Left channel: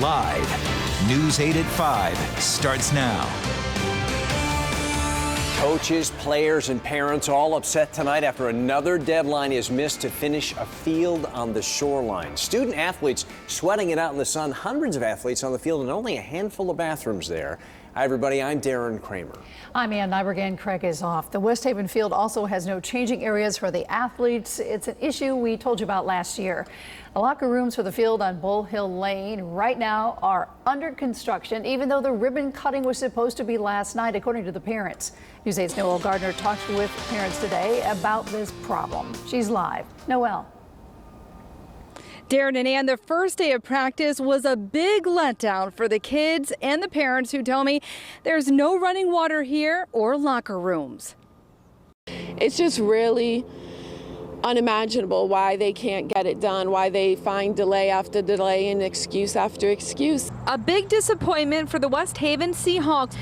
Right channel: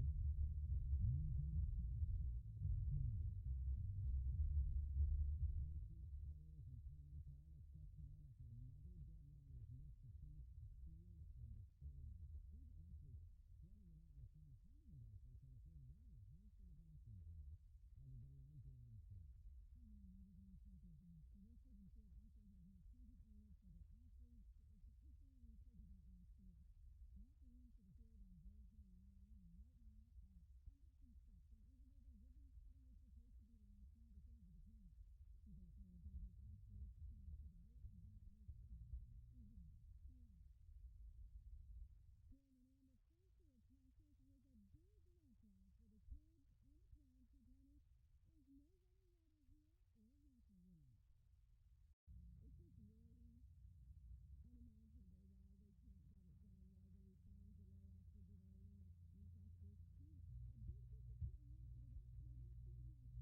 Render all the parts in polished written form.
Live. News 8 at 5 starts now. Coaches, players, and parents all upset tonight after another deadline is missed to finish a field on the shoreline. Student athletes sweating it out in the sun. Hundreds of athletes on the field and only a handful of bathrooms there. Hi, everybody. I'm Darren Kramer. I'm Ann Nyberg. Craig is off. The West Haven field also has no changing areas for the athletes. It's an issue we told you about last year. The locker rooms for the field on Bull Hill Lane right now are under construction, even though the ribbon cutting was supposed to be last night, according to the parents. News 8's Noelle Gardner talked with parents today about this problem. She's live. Noelle. Darren and Ann, the first day of practice was a big letdown for the kids and the parents who tell me there's no running water here or locker rooms. It's just really unimaginable why they can't get it done, why they find delay after delay and excuse after excuse. A big disappointment for the West Haven Seahawks.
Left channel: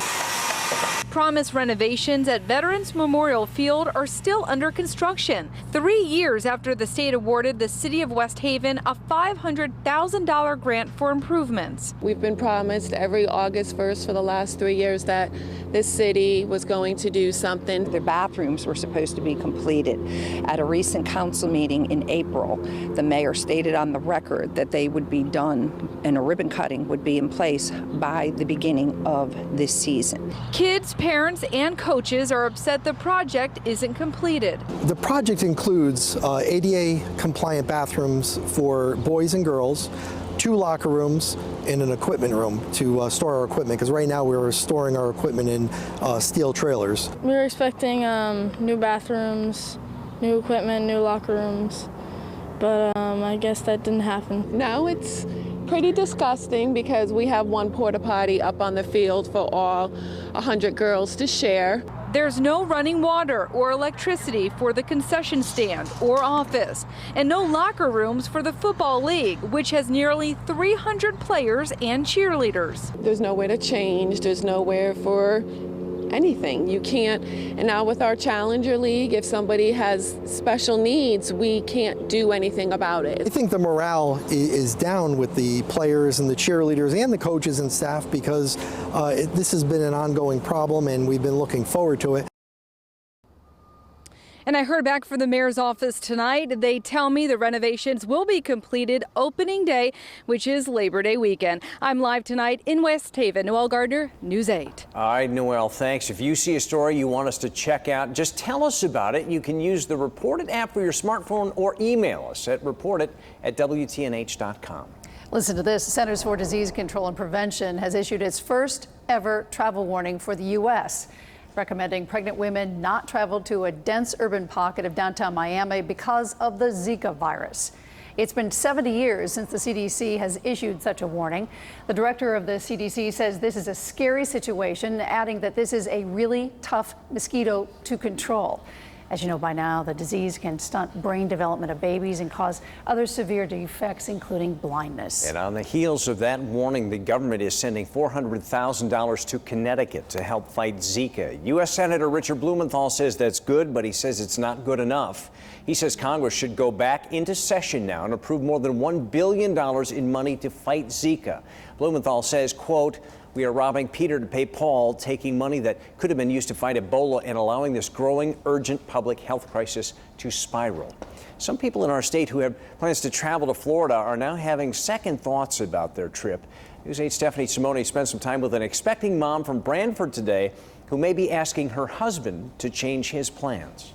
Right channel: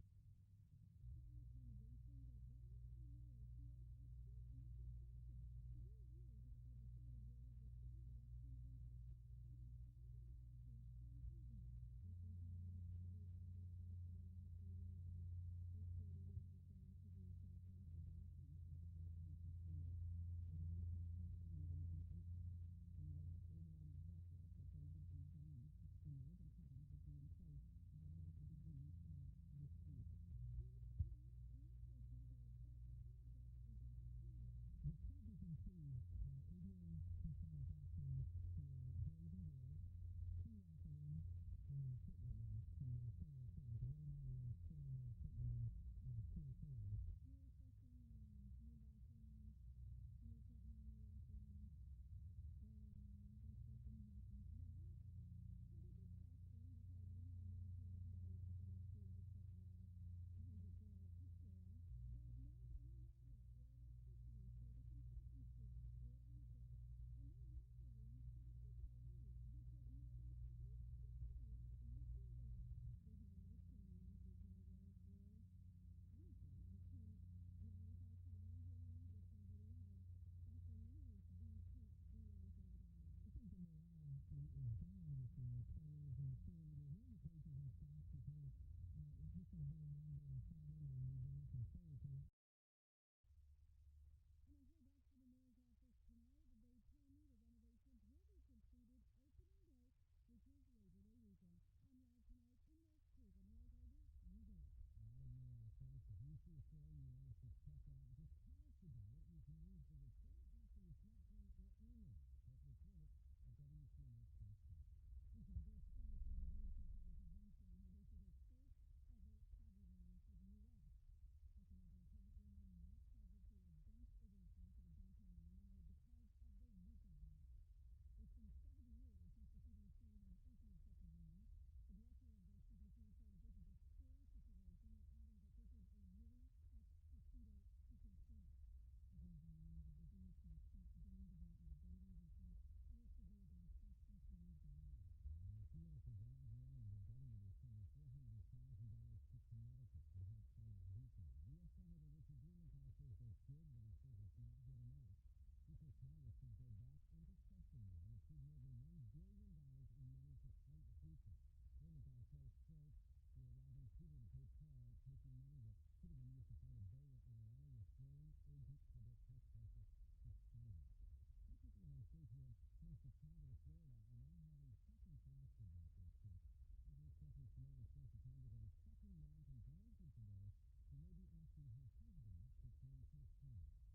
Promised renovations at Veterans Memorial Field are still under construction. 3 years after the state awarded the city of West Haven a $500,000 grant for improvements. We've been promised every August 1st for the last 3 years that this city was going to do something. The bathrooms were supposed to be completed. At a recent council meeting in April, the mayor stated on the record that they would be done and a ribbon cutting would be in place by the beginning of this season. Kids, parents, and coaches are upset the project isn't completed. The project includes ADA compliant bathrooms for boys and girls, 2 locker rooms, and an equipment room to store our equipment, because right now we're storing our equipment in steel trailers. We were expecting new bathrooms, new equipment, new locker rooms, but I guess that didn't happen. Now it's pretty disgusting because we have one porta potty up on the field for all 100 girls to share. There's no running water or electricity for the concession stand or office, and no locker rooms for the football league, which has nearly 300 players and cheerleaders. There's nowhere to change, there's nowhere for anything. You can't, and now with our Challenger League, if somebody has special needs, we can't do anything about it. I think the morale is down with the players and the cheerleaders and the coaches and staff because this has been an ongoing problem and we've been looking forward to it. And I heard back from the mayor's office tonight. They tell me the renovations will be completed opening day, which is Labor Day weekend. I'm live tonight in West Haven. Noelle Gardner, News 8. All right, Noelle, thanks. If you see a story you want us to check out, just tell us about it. You can use the Report It app for your smartphone or email us at reportit@WTNH.com. Listen to this. The Centers for Disease Control and Prevention has issued its first ever travel warning for the U.S., recommending pregnant women not travel to a dense urban pocket of downtown Miami because of the Zika virus. It's been 70 years since the CDC has issued such a warning. The director of the CDC says this is a scary situation, adding that this is a really tough mosquito to control. As you know by now, the disease can stunt brain development of babies and cause other severe defects, including blindness. And on the heels of that warning, the government is sending $400,000 to Connecticut to help fight Zika. U.S. Senator Richard Blumenthal says that's good, but he says it's not good enough. He says Congress should go back into session now and approve more than $1 billion in money to fight Zika. Blumenthal says, quote, "We are robbing Peter to pay Paul, taking money that could have been used to fight Ebola and allowing this growing urgent public health crisis to spiral." Some people in our state who have plans to travel to Florida are now having second thoughts about their trip. News 8's Stephanie Simone spent some time with an expecting mom from Branford today who may be asking her husband to change his plans.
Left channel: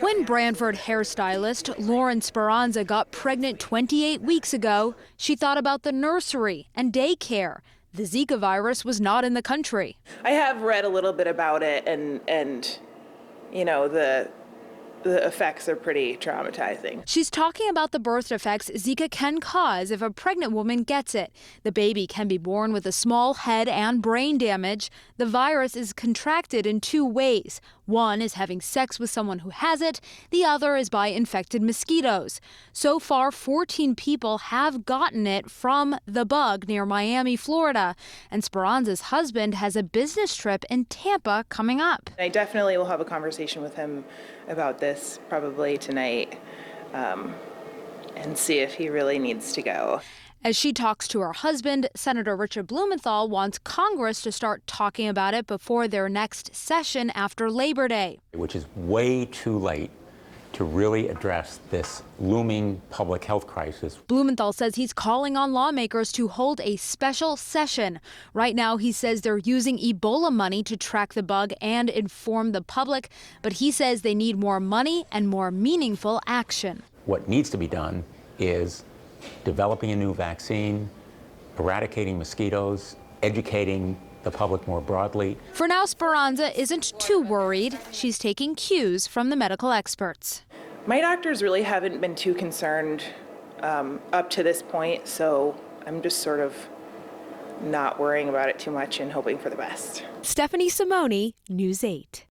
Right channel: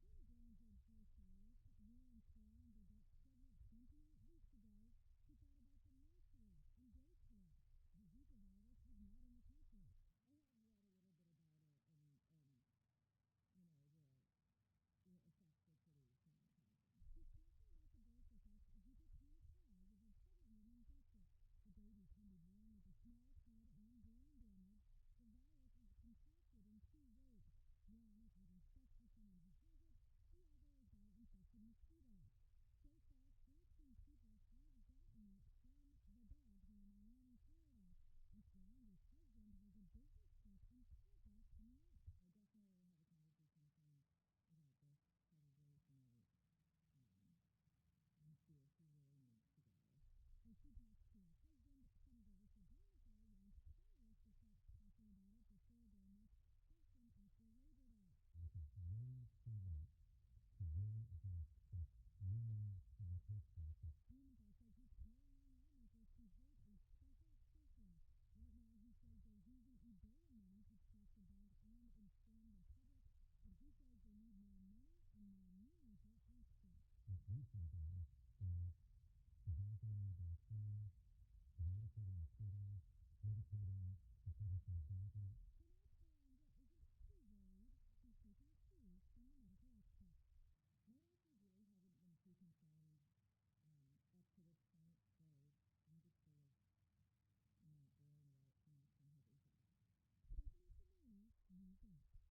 When Branford hairstylist Lauren Speranza got pregnant 28 weeks ago, she thought about the nursery and daycare. The Zika virus was not in the country. I have read a little bit about it, and you know, the effects are pretty traumatizing. She's talking about the birth defects Zika can cause if a pregnant woman gets it. The baby can be born with a small head and brain damage. The virus is contracted in 2 ways. One is having sex with someone who has it. The other is by infected mosquitoes. So far, 14 people have gotten it from the bug near Miami, Florida. And Speranza's husband has a business trip in Tampa coming up. I definitely will have a conversation with him about this probably tonight and see if he really needs to go. As she talks to her husband, Senator Richard Blumenthal wants Congress to start talking about it before their next session after Labor Day. Which is way too late to really address this looming public health crisis. Blumenthal says he's calling on lawmakers to hold a special session. Right now, he says they're using Ebola money to track the bug and inform the public, but he says they need more money and more meaningful action. What needs to be done is developing a new vaccine, eradicating mosquitoes, educating the public more broadly. For now, Speranza isn't too worried. She's taking cues from the medical experts. My doctors really haven't been too concerned up to this point, so I'm just sort of not worrying about it too much and hoping for the best. Stephanie Simone, News 8.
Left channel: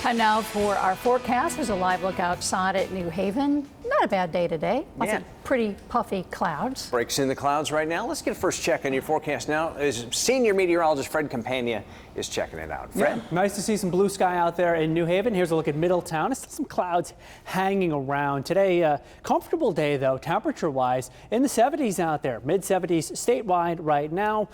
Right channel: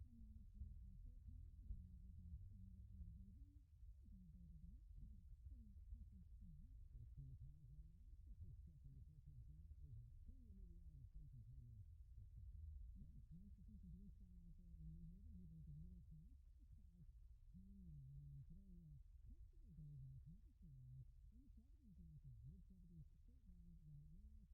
Time now for our forecast. There's a live look outside at New Haven. Not a bad day today. Lots of pretty puffy clouds. Breaks in the clouds right now. Let's get a first check on your forecast now. As senior meteorologist Fred Campagna is checking it out. Fred? Yeah, nice to see some blue sky out there in New Haven. Here's a look at Middletown. There's some clouds hanging around. Today, comfortable day, though, temperature-wise, in the 70s out there. Mid-70s statewide right now.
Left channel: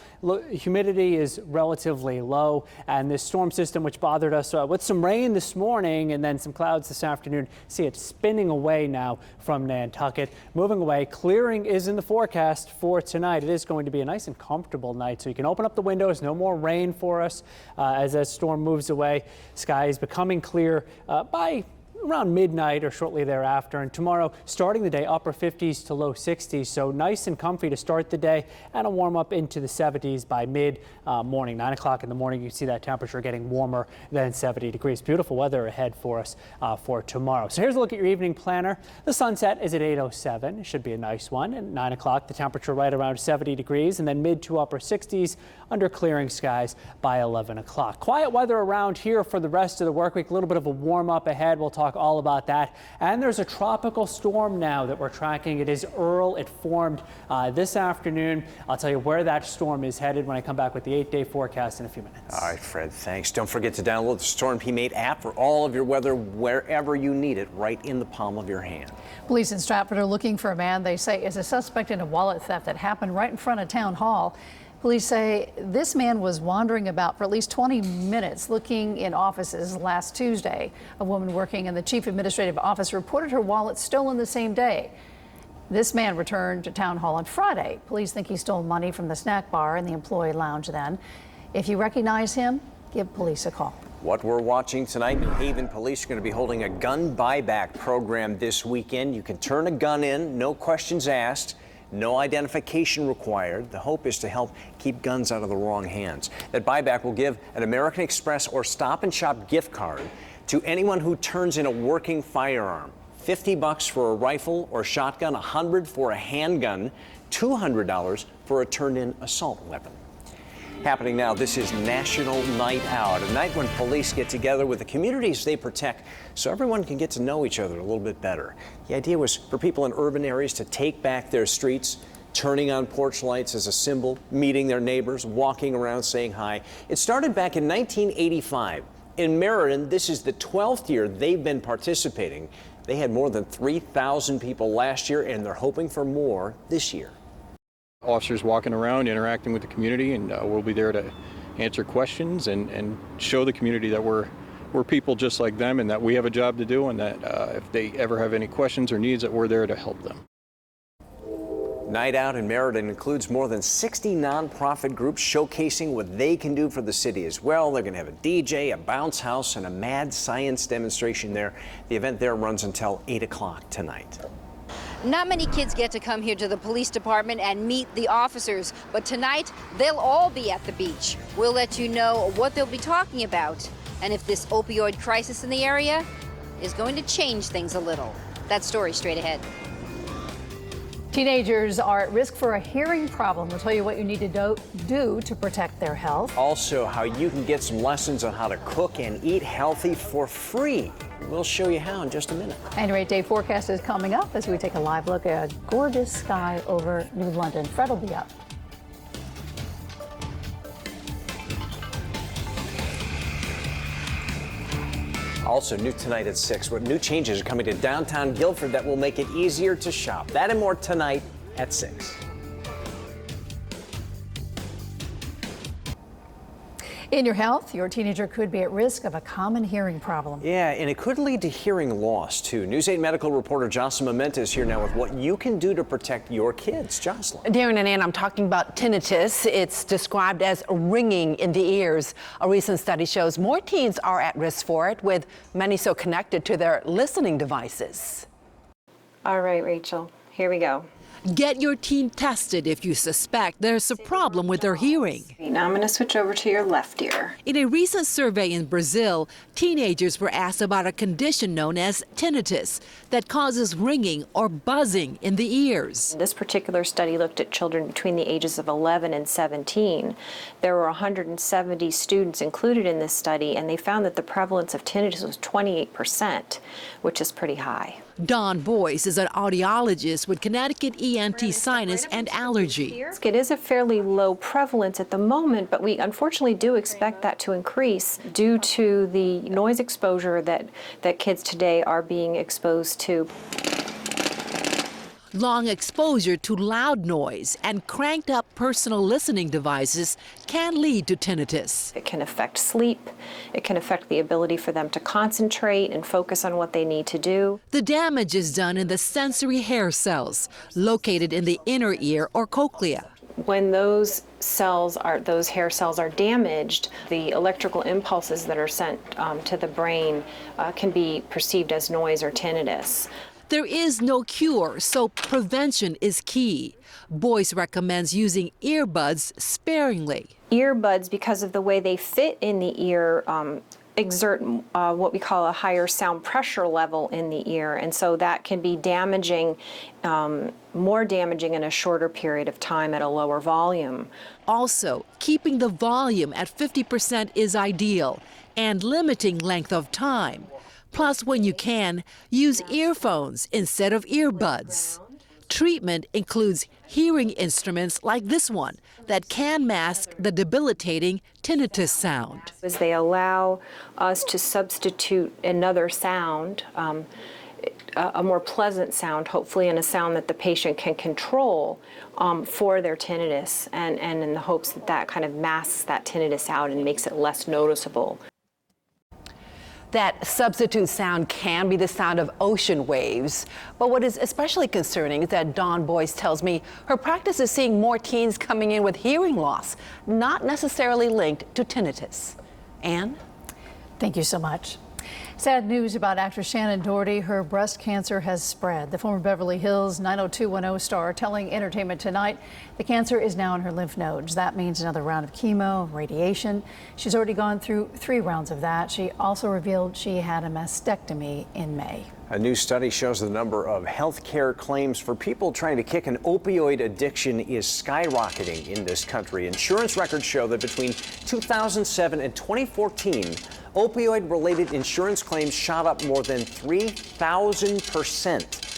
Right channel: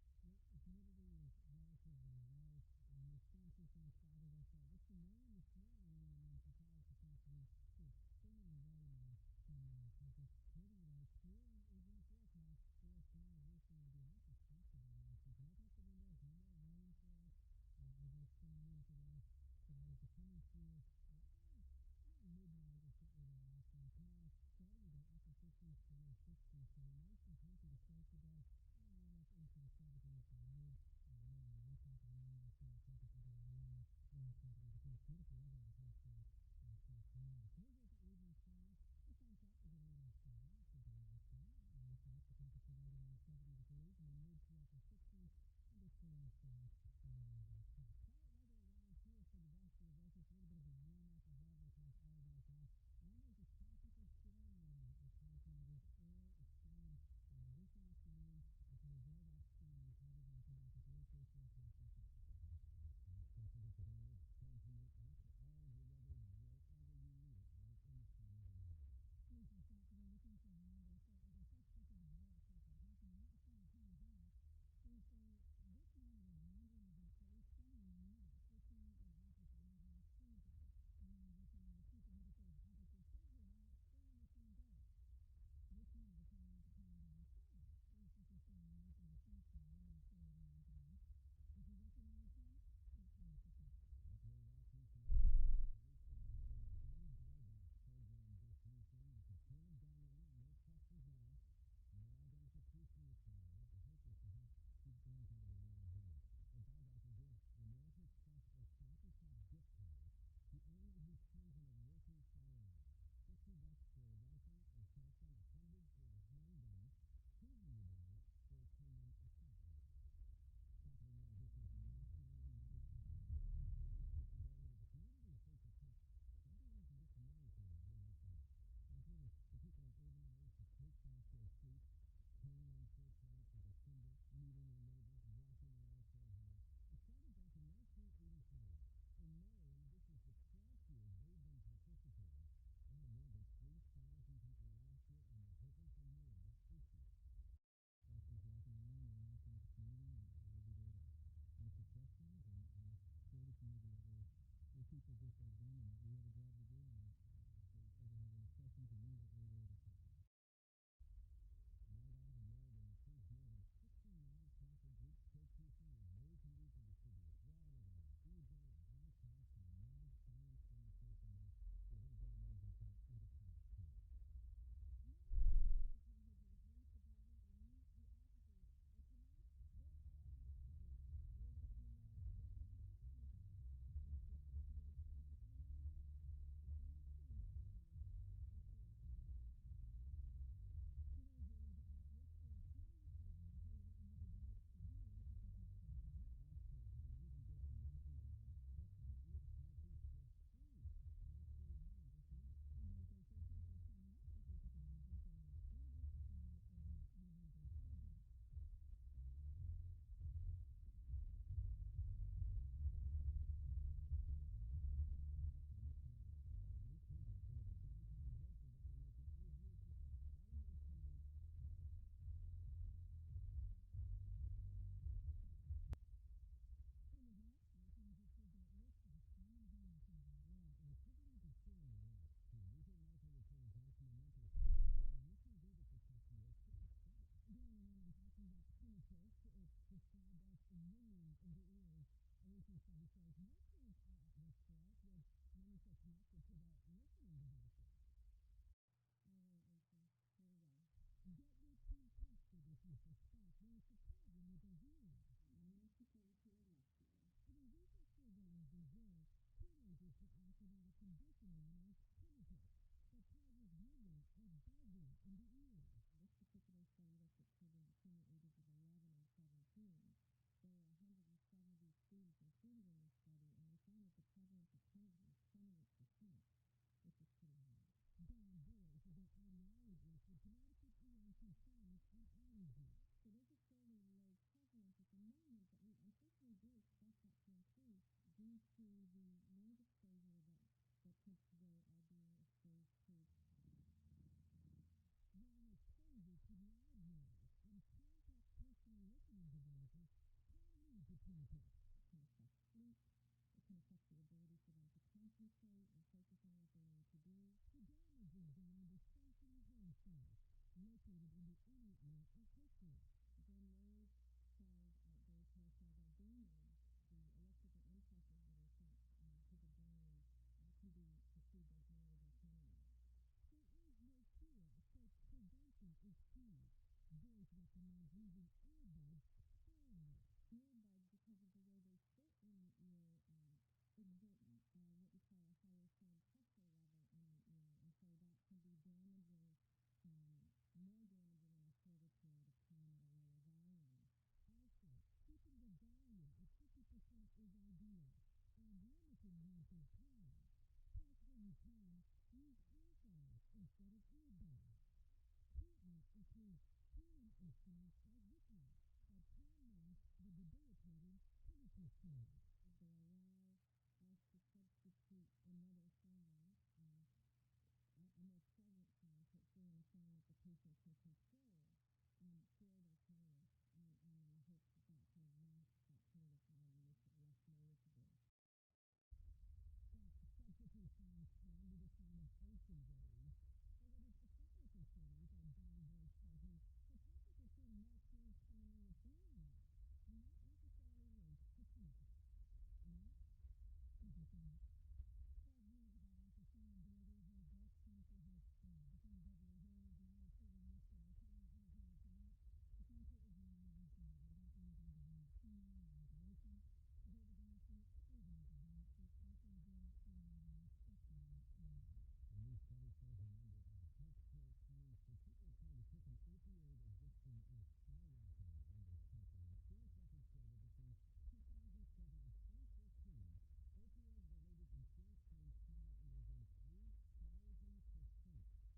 Humidity is relatively low, and this storm system, which bothered us with some rain this morning and then some clouds this afternoon, see it spinning away now from Nantucket. Moving away, clearing is in the forecast for tonight. It is going to be a nice and comfortable night, so you can open up the windows. No more rain for us as that storm moves away. Sky is becoming clear by around midnight or shortly thereafter. And tomorrow, starting the day, upper 50s to low 60s. So nice and comfy to start the day, and a warm up into the 70s by mid morning. 9 o'clock in the morning, you see that temperature getting warmer than 70 degrees. Beautiful weather ahead for us for tomorrow. So here's a look at your evening planner. The sunset is at 8:07. It should be a nice one. At 9 o'clock, the temperature right around 70 degrees, and then mid to upper 60s under clearing skies by 11 o'clock. Quiet weather around here for the rest of the work week. A little bit of a warm up ahead. We'll talk all about that. And there's a tropical storm now that we're tracking. It is Earl. It formed this afternoon. I'll tell you where that storm is headed when I come back with the 8-day forecast in a few minutes. All right, Fred, thanks. Don't forget to download the Storm P-Mate app for all of your weather wherever you need it, right in the palm of your hand. Police in Stratford are looking for a man they say is a suspect in a wallet theft that happened right in front of Town Hall. Police say this man was wandering about for at least 20 minutes looking in offices last Tuesday. A woman working in the chief administrative office reported her wallet stolen the same day. This man returned to Town Hall on Friday. Police think he stole money from the snack bar in the employee lounge then. If you recognize him, give police a call. What we're watching tonight, New Haven police are going to be holding a gun buyback program this weekend. You can turn a gun in, no questions asked. No identification required. The hope is to help keep guns out of the wrong hands. That buyback will give an American Express or Stop and Shop gift card to anyone who turns in a working firearm. $50 for a rifle or shotgun, $100 for a handgun, $200 for a turned-in assault weapon. Happening now, this is National Night Out, a night when police get together with the communities they protect so everyone can get to know each other a little bit better. The idea was for people in urban areas to take back their streets, turning on porch lights as a symbol, meeting their neighbors, walking around saying hi. It started back in 1985. In Meriden, this is the 12th year they've been participating. They had more than 3,000 people last year, and they're hoping for more this year. Officers walking around, interacting with the community, and we'll be there to answer questions and show the community that we're people just like them and that we have a job to do, and that if they ever have any questions or needs, that we're there to help them. Night Out in Meriden includes more than 60 nonprofit groups showcasing what they can do for the city as well. They're going to have a DJ, a bounce house, and a mad science demonstration there. The event there runs until 8 o'clock tonight. Not many kids get to come here to the police department and meet the officers, but tonight they'll all be at the beach. We'll let you know what they'll be talking about and if this opioid crisis in the area is going to change things a little. That story straight ahead. Teenagers are at risk for a hearing problem. We'll tell you what you need to do to protect their health. Also, how you can get some lessons on how to cook and eat healthy for free. We'll show you how in just a minute. And your 8-day forecast is coming up as we take a live look at a gorgeous sky over New London. Fred will be up. Also new tonight at 6. What new changes are coming to downtown Guilford that will make it easier to shop? That and more tonight at 6. In your health, your teenager could be at risk of a common hearing problem. Yeah, and it could lead to hearing loss, too. News 8 medical reporter Jocelyn Mementa is here now with what you can do to protect your kids. Jocelyn. Darren and Ann, I'm talking about tinnitus. It's described as ringing in the ears. A recent study shows more teens are at risk for it, with many so connected to their listening devices. All right, Rachel, here we go. Get your teen tested if you suspect there's a problem with their hearing. Now I'm going to switch over to your left ear. In a recent survey in Brazil, teenagers were asked about a condition known as tinnitus that causes ringing or buzzing in the ears. This particular study looked at children between the ages of 11 and 17. There were 170 students included in this study, and they found that the prevalence of tinnitus was 28%, which is pretty high. Dawn Boyce is an audiologist with Connecticut ENT Sinus and Allergy. It is a fairly low prevalence at the moment, but we unfortunately do expect that to increase due to the noise exposure that kids today are being exposed to. Long exposure to loud noise and cranked up personal listening devices can lead to tinnitus. It can affect sleep. It can affect the ability for them to concentrate and focus on what they need to do. The damage is done in the sensory hair cells located in the inner ear or cochlea. When those hair cells are damaged, the electrical impulses that are sent to the brain can be perceived as noise or tinnitus. There is no cure, so prevention is key. Boyce recommends using earbuds sparingly. Earbuds, because of the way they fit in the ear, exert what we call a higher sound pressure level in the ear, and so that can be damaging, more damaging in a shorter period of time at a lower volume. Also, keeping the volume at 50% is ideal, and limiting length of time. Plus, when you can, use earphones instead of earbuds. Treatment includes hearing instruments like this one that can mask the debilitating tinnitus sound. As they allow us to substitute another sound, a more pleasant sound, hopefully, and a sound that the patient can control for their tinnitus, and in the hopes that that kind of masks that tinnitus out and makes it less noticeable. That substitute sound can be the sound of ocean waves. But what is especially concerning is that Dawn Boyce tells me her practice is seeing more teens coming in with hearing loss, not necessarily linked to tinnitus. Ann? Thank you so much. Sad news about actress Shannon Doherty. Her breast cancer has spread. The former Beverly Hills 90210 star telling Entertainment Tonight the cancer is now in her lymph nodes. That means another round of chemo, radiation. She's already gone through 3 rounds of that. She also revealed she had a mastectomy in May. A new study shows the number of health care claims for people trying to kick an opioid addiction is skyrocketing in this country. Insurance records show that between 2007 and 2014, opioid-related insurance claims shot up more than 3,000%.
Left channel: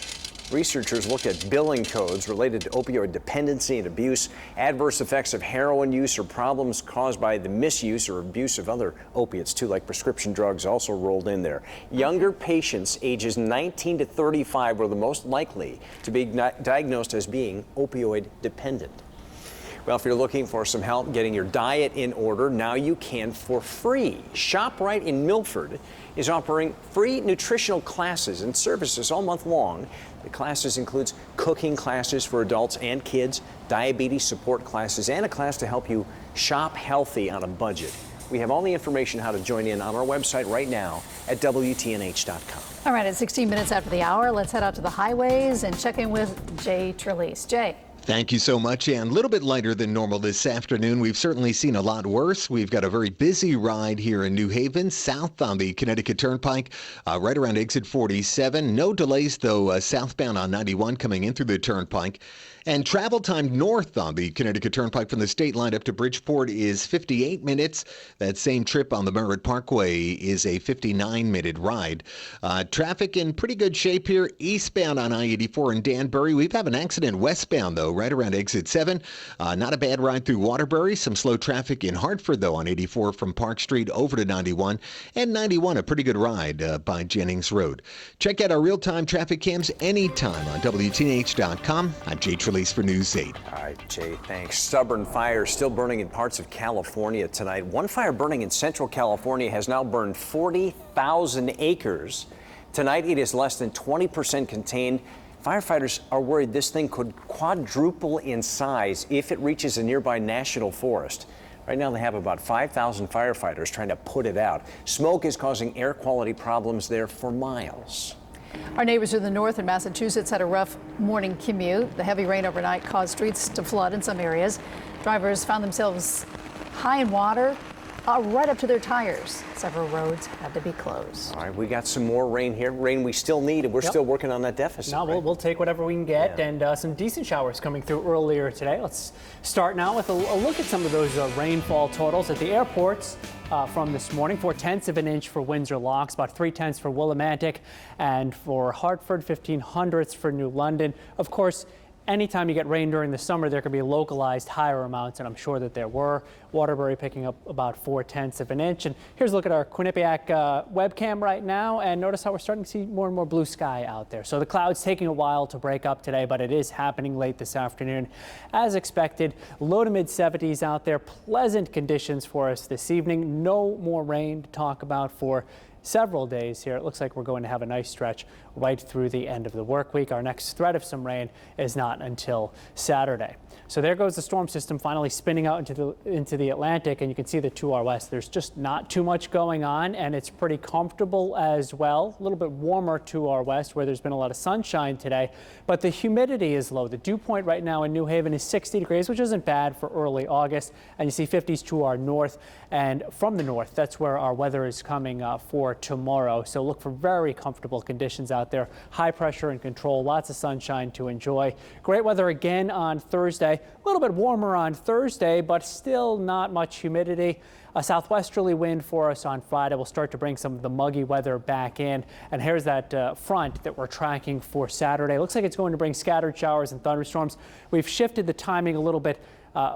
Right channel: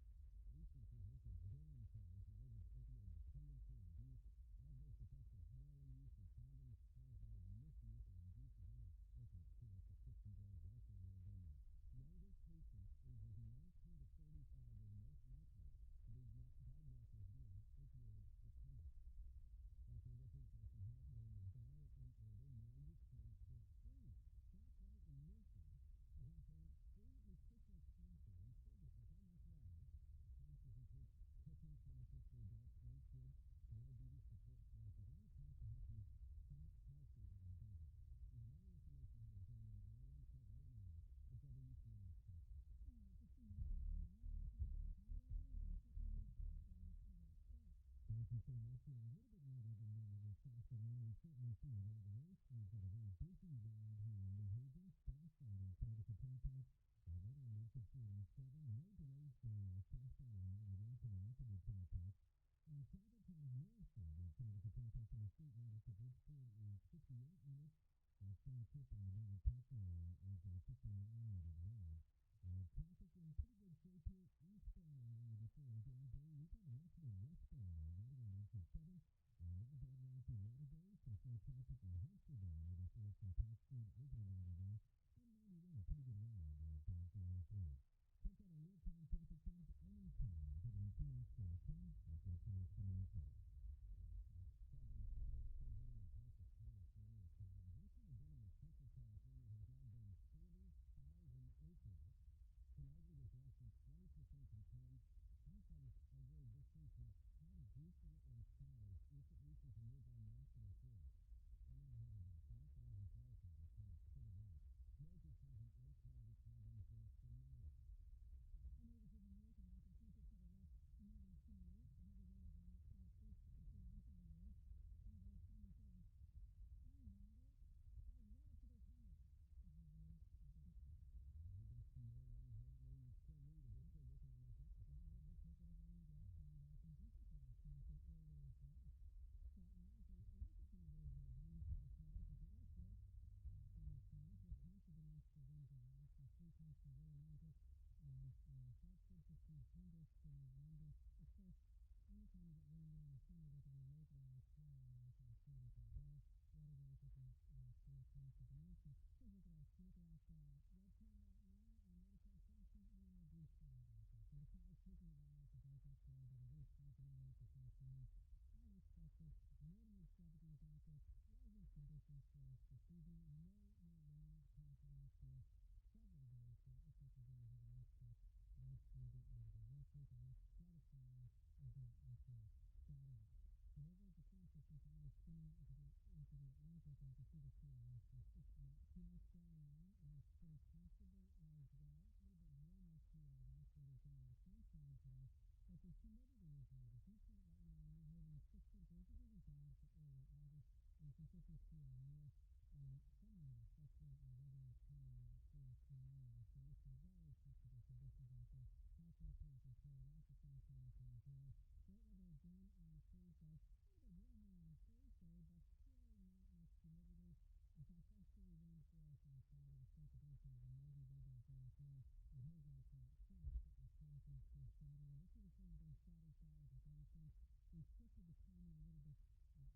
Researchers looked at billing codes related to opioid dependency and abuse, adverse effects of heroin use, or problems caused by the misuse or abuse of other opiates, too, like prescription drugs also rolled in there. Younger patients ages 19 to 35 were the most likely to be diagnosed as being opioid dependent. Well, if you're looking for some help getting your diet in order, now you can for free. ShopRite in Milford is offering free nutritional classes and services all month long. The classes includes cooking classes for adults and kids, diabetes support classes, and a class to help you shop healthy on a budget. We have all the information how to join in on our website right now at WTNH.com. All right, at 16 minutes after the hour, let's head out to the highways and check in with Jay Trelease. Jay. Thank you so much, Ann. A little bit lighter than normal this afternoon. We've certainly seen a lot worse. We've got a very busy ride here in New Haven, south on the Connecticut Turnpike, right around exit 47. No delays, though, southbound on 91 coming in through the Turnpike. And travel time north on the Connecticut Turnpike from the state line up to Bridgeport is 58 minutes. That same trip on the Merritt Parkway is a 59-minute ride. Traffic in pretty good shape here eastbound on I-84 in Danbury. We've had an accident westbound, though, right around exit 7. Not a bad ride through Waterbury. Some slow traffic in Hartford, though, on 84 from Park Street over to 91. And 91, a pretty good ride by Jennings Road. Check out our real-time traffic cams anytime on WTNH.com. I'm Jay Trelease. release for News 8. All right, Jay, thanks. Stubborn fire still burning in parts of California tonight. One fire burning in Central California has now burned 40,000 acres. Tonight, it is less than 20% contained. Firefighters are worried this thing could quadruple in size if it reaches a nearby national forest. Right now, they have about 5,000 firefighters trying to put it out. Smoke is causing air quality problems there for miles. Our neighbors in the north in Massachusetts had a rough morning commute. The heavy rain overnight caused streets to flood in some areas. Drivers found themselves high in water right up to their tires. Several roads had to be closed. All right, we got some more rain here. Rain we still need, and we're still working on that deficit. No, right? we'll take whatever we can get, and some decent showers coming through earlier today. Let's start now with a look at some of those rainfall totals at the airports from this morning. 4/10 of an inch for Windsor Locks, about 3/10 for Willimantic, and for Hartford, 1/1500 for New London. Of course, anytime you get rain during the summer, there can be localized higher amounts, and I'm sure that there were. Waterbury picking up about 4/10 of an inch. And here's a look at our Quinnipiac webcam right now, and notice how we're starting to see more and more blue sky out there. So the clouds taking a while to break up today, but it is happening late this afternoon. As expected, low to mid 70s out there. Pleasant conditions for us this evening. No more rain to talk about for several days here. It looks like we're going to have a nice stretch right through the end of the work week. Our next threat of some rain is not until Saturday. So there goes the storm system finally spinning out into the Atlantic, and you can see that to our west there's just not too much going on, and it's pretty comfortable as well. A little bit warmer to our west where there's been a lot of sunshine today, but the humidity is low. The dew point right now in New Haven is 60 degrees, which isn't bad for early August, and you see 50s to our north, and from the north that's where our weather is coming for tomorrow. So look for very comfortable conditions out there. High pressure and control, lots of sunshine to enjoy. Great weather again on Thursday. A little bit warmer on Thursday, but still not much humidity. A southwesterly wind for us on Friday will start to bring some of the muggy weather back in. And here's that front that we're tracking for Saturday. Looks like it's going to bring scattered showers and thunderstorms. We've shifted the timing a little bit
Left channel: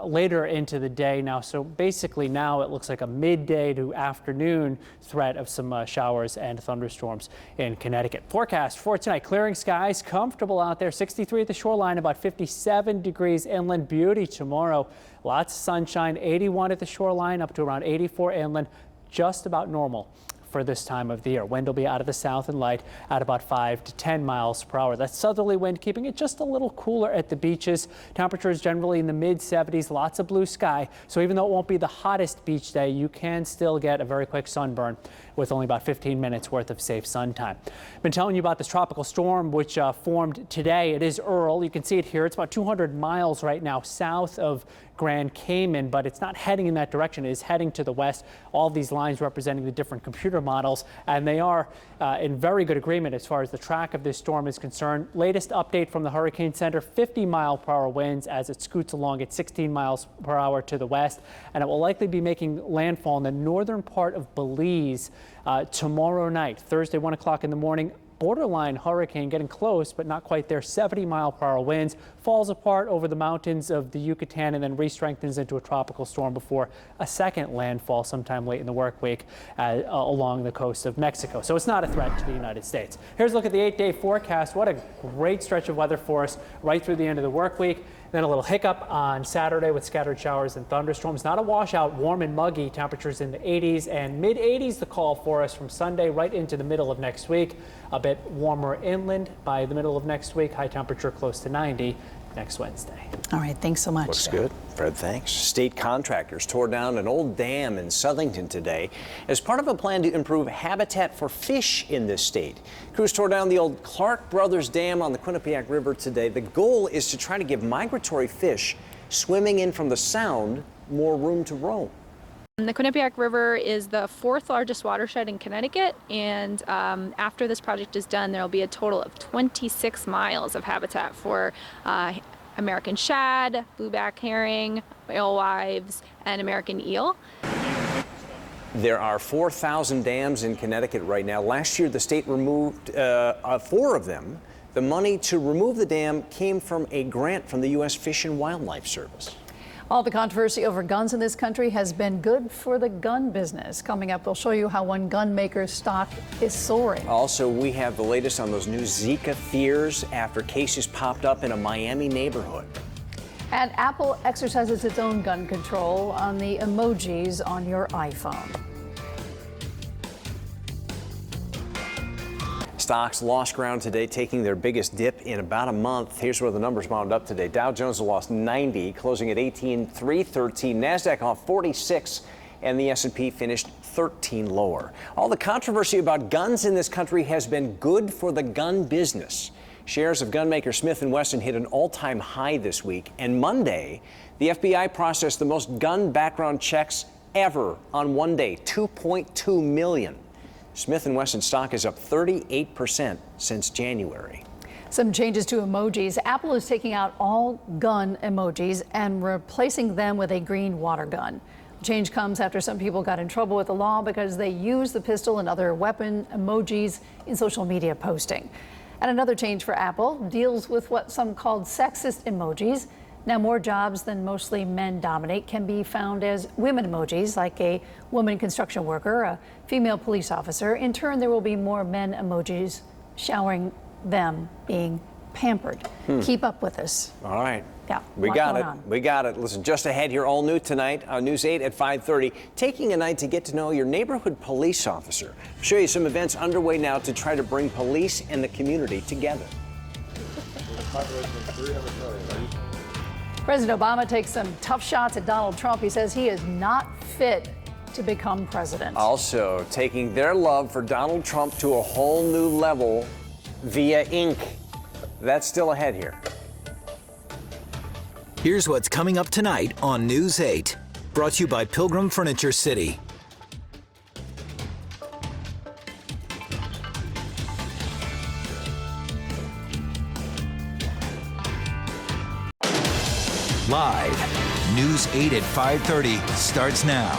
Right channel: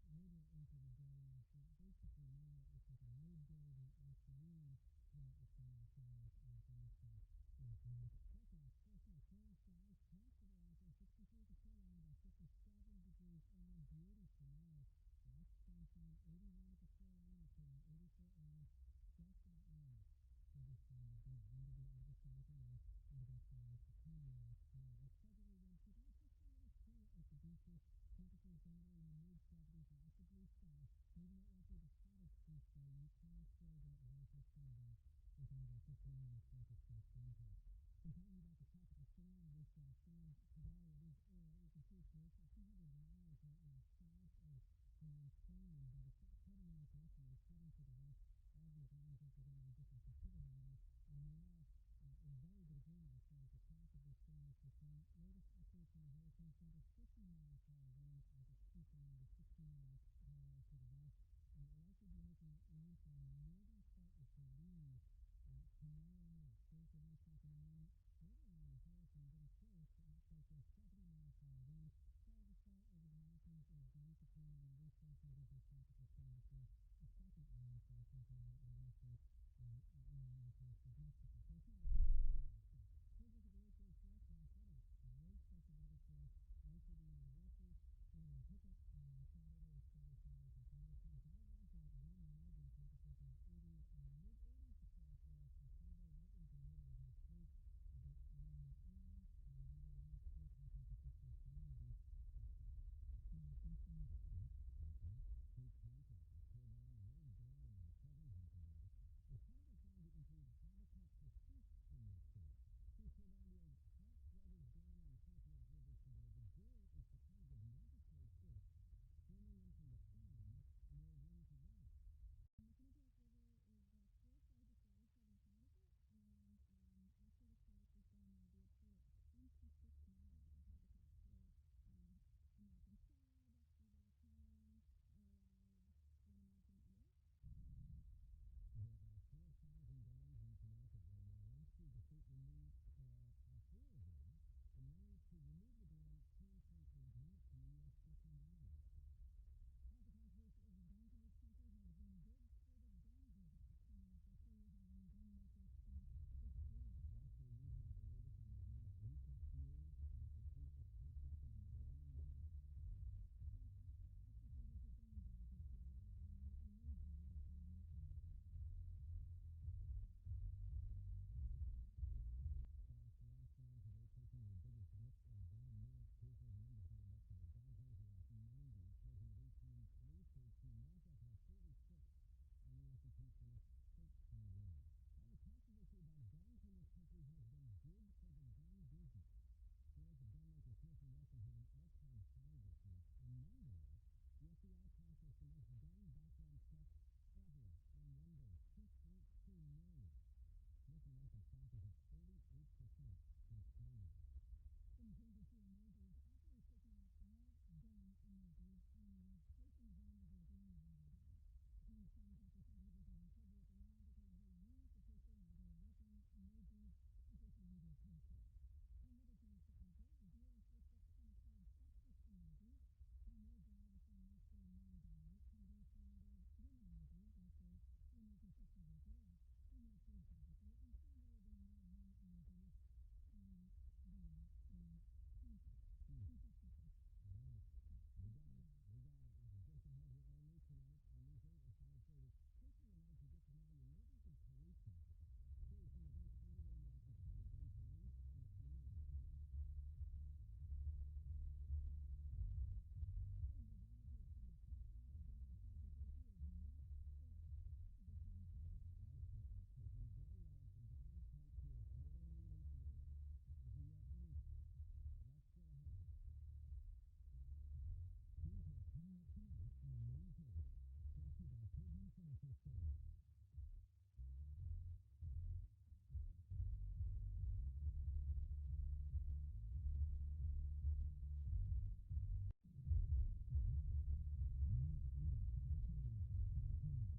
later into the day now. So basically now it looks like a midday to afternoon threat of some showers and thunderstorms in Connecticut. Forecast for tonight, clearing skies, comfortable out there, 63 at the shoreline, about 57 degrees inland. Beauty tomorrow, lots of sunshine, 81 at the shoreline, up to around 84 inland, just about normal for this time of the year. Wind will be out of the south and light at about 5 to 10 miles per hour. That southerly wind keeping it just a little cooler at the beaches. Temperatures generally in the mid 70s, lots of blue sky. So even though it won't be the hottest beach day, you can still get a very quick sunburn with only about 15 minutes worth of safe sun time. Been telling you about this tropical storm which formed today. It is Earl. You can see it here. It's about 200 miles right now south of Grand Cayman, but it's not heading in that direction. It is heading to the west. All these lines representing the different computer models, and they are in very good agreement as far as the track of this storm is concerned. Latest update from the Hurricane Center, 50-mile-per-hour winds as it scoots along at 16 miles per hour to the west, and it will likely be making landfall in the northern part of Belize tomorrow night, Thursday, 1 o'clock in the morning. Borderline hurricane, getting close, but not quite there. 70-mile-per-hour winds, falls apart over the mountains of the Yucatan and then re-strengthens into a tropical storm before a second landfall sometime late in the work week along the coast of Mexico. So it's not a threat to the United States. Here's a look at the 8-day forecast. What a great stretch of weather for us right through the end of the work week. Then a little hiccup on Saturday with scattered showers and thunderstorms. Not a washout, warm and muggy. Temperatures in the 80s and mid 80s the call for us from Sunday right into the middle of next week. A bit warmer inland by the middle of next week. High temperature close to 90 next Wednesday. All right, thanks so much. Looks good. Fred, thanks. State contractors tore down an old dam in Southington today as part of a plan to improve habitat for fish in this state. Crews tore down the old Clark Brothers Dam on the Quinnipiac River today. The goal is to try to give migratory fish swimming in from the Sound more room to roam. The Quinnipiac River is the 4th largest watershed in Connecticut, and after this project is done, there will be a total of 26 miles of habitat for American shad, blueback herring, alewives, and American eel. There are 4,000 dams in Connecticut right now. Last year, the state removed 4 of them. The money to remove the dam came from a grant from the U.S. Fish and Wildlife Service. All the controversy over guns in this country has been good for the gun business. Coming up, we'll show you how one gun maker's stock is soaring. Also, we have the latest on those new Zika fears after cases popped up in a Miami neighborhood. And Apple exercises its own gun control on the emojis on your iPhone. Stocks lost ground today, taking their biggest dip in about a month. Here's where the numbers wound up today. Dow Jones lost 90, closing at 18,313. NASDAQ off 46, and the S&P finished 13 lower. All the controversy about guns in this country has been good for the gun business. Shares of gunmaker Smith & Wesson hit an all-time high this week, and Monday, the FBI processed the most gun background checks ever on one day, 2.2 million. Smith & Wesson stock is up 38% since January. Some changes to emojis. Apple is taking out all gun emojis and replacing them with a green water gun. The change comes after some people got in trouble with the law because they used the pistol and other weapon emojis in social media posting. And another change for Apple deals with what some called sexist emojis. Now, more jobs than mostly men dominate can be found as women emojis, like a woman construction worker, a female police officer. In turn, there will be more men emojis showering them being pampered. Keep up with us. All right. Yeah, We got it. We got it. Listen, just ahead here, all new tonight on News 8 at 5:30. Taking a night to get to know your neighborhood police officer. I'll show you some events underway now to try to bring police and the community together. President Obama takes some tough shots at Donald Trump. He says he is not fit to become president. Also, taking their love for Donald Trump to a whole new level via ink. That's still ahead here. Here's what's coming up tonight on News 8. Brought to you by Pilgrim Furniture City. Live, News 8 at 5:30 starts now.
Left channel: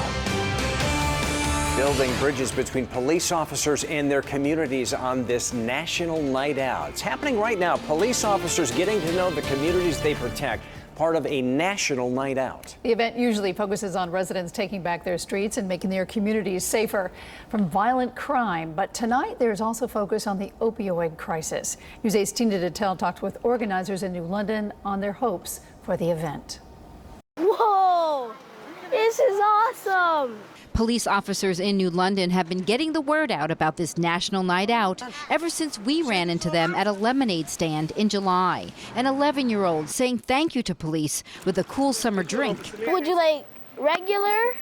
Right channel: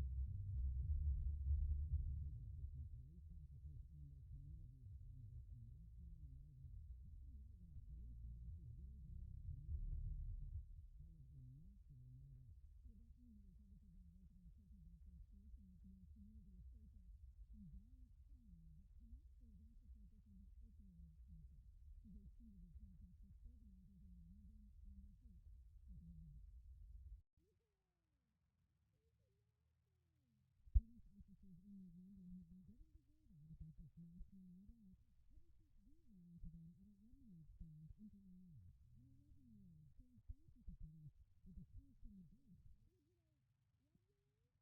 Building bridges between police officers and their communities on this national night out. It's happening right now. Police officers getting to know the communities they protect. Part of a national night out. The event usually focuses on residents taking back their streets and making their communities safer from violent crime. But tonight, there's also focus on the opioid crisis. News 8's Tina Detel talked with organizers in New London on their hopes for the event. Whoa, this is awesome. Police officers in New London have been getting the word out about this national night out ever since we ran into them at a lemonade stand in July. An 11-year-old saying thank you to police with a cool summer drink. Would you like regular,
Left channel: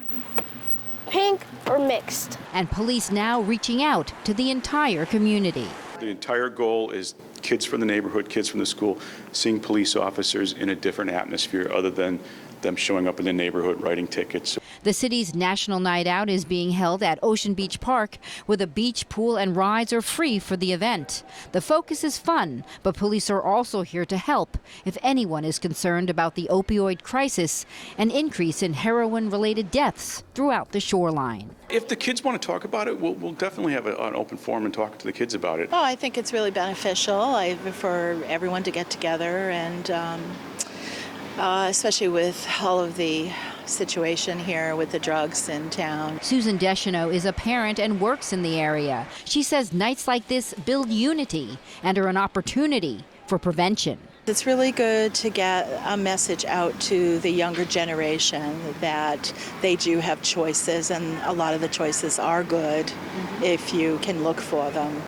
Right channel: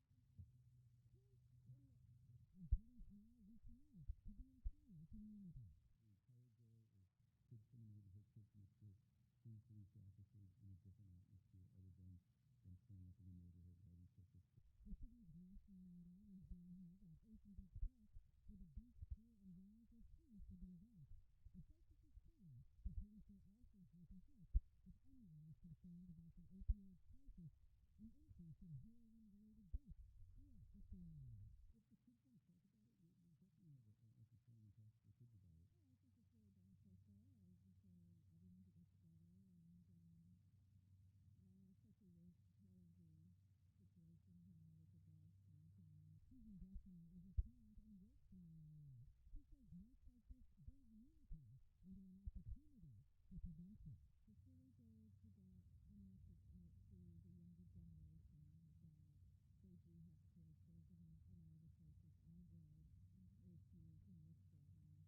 pink, or mixed? And police now reaching out to the entire community. The entire goal is kids from the neighborhood, kids from the school, seeing police officers in a different atmosphere other than them showing up in the neighborhood writing tickets. The city's National Night Out is being held at Ocean Beach Park, where the beach, pool, and rides are free for the event. The focus is fun, but police are also here to help if anyone is concerned about the opioid crisis, an increase in heroin-related deaths throughout the shoreline. If the kids want to talk about it, we'll definitely have an open forum and talk to the kids about it. Oh, I think it's really beneficial for everyone to get together and especially with all of the situation here with the drugs in town. Susan Deschanel is a parent and works in the area. She says nights like this build unity and are an opportunity for prevention. It's really good to get a message out to the younger generation that they do have choices, and a lot of the choices are good if you can look for them.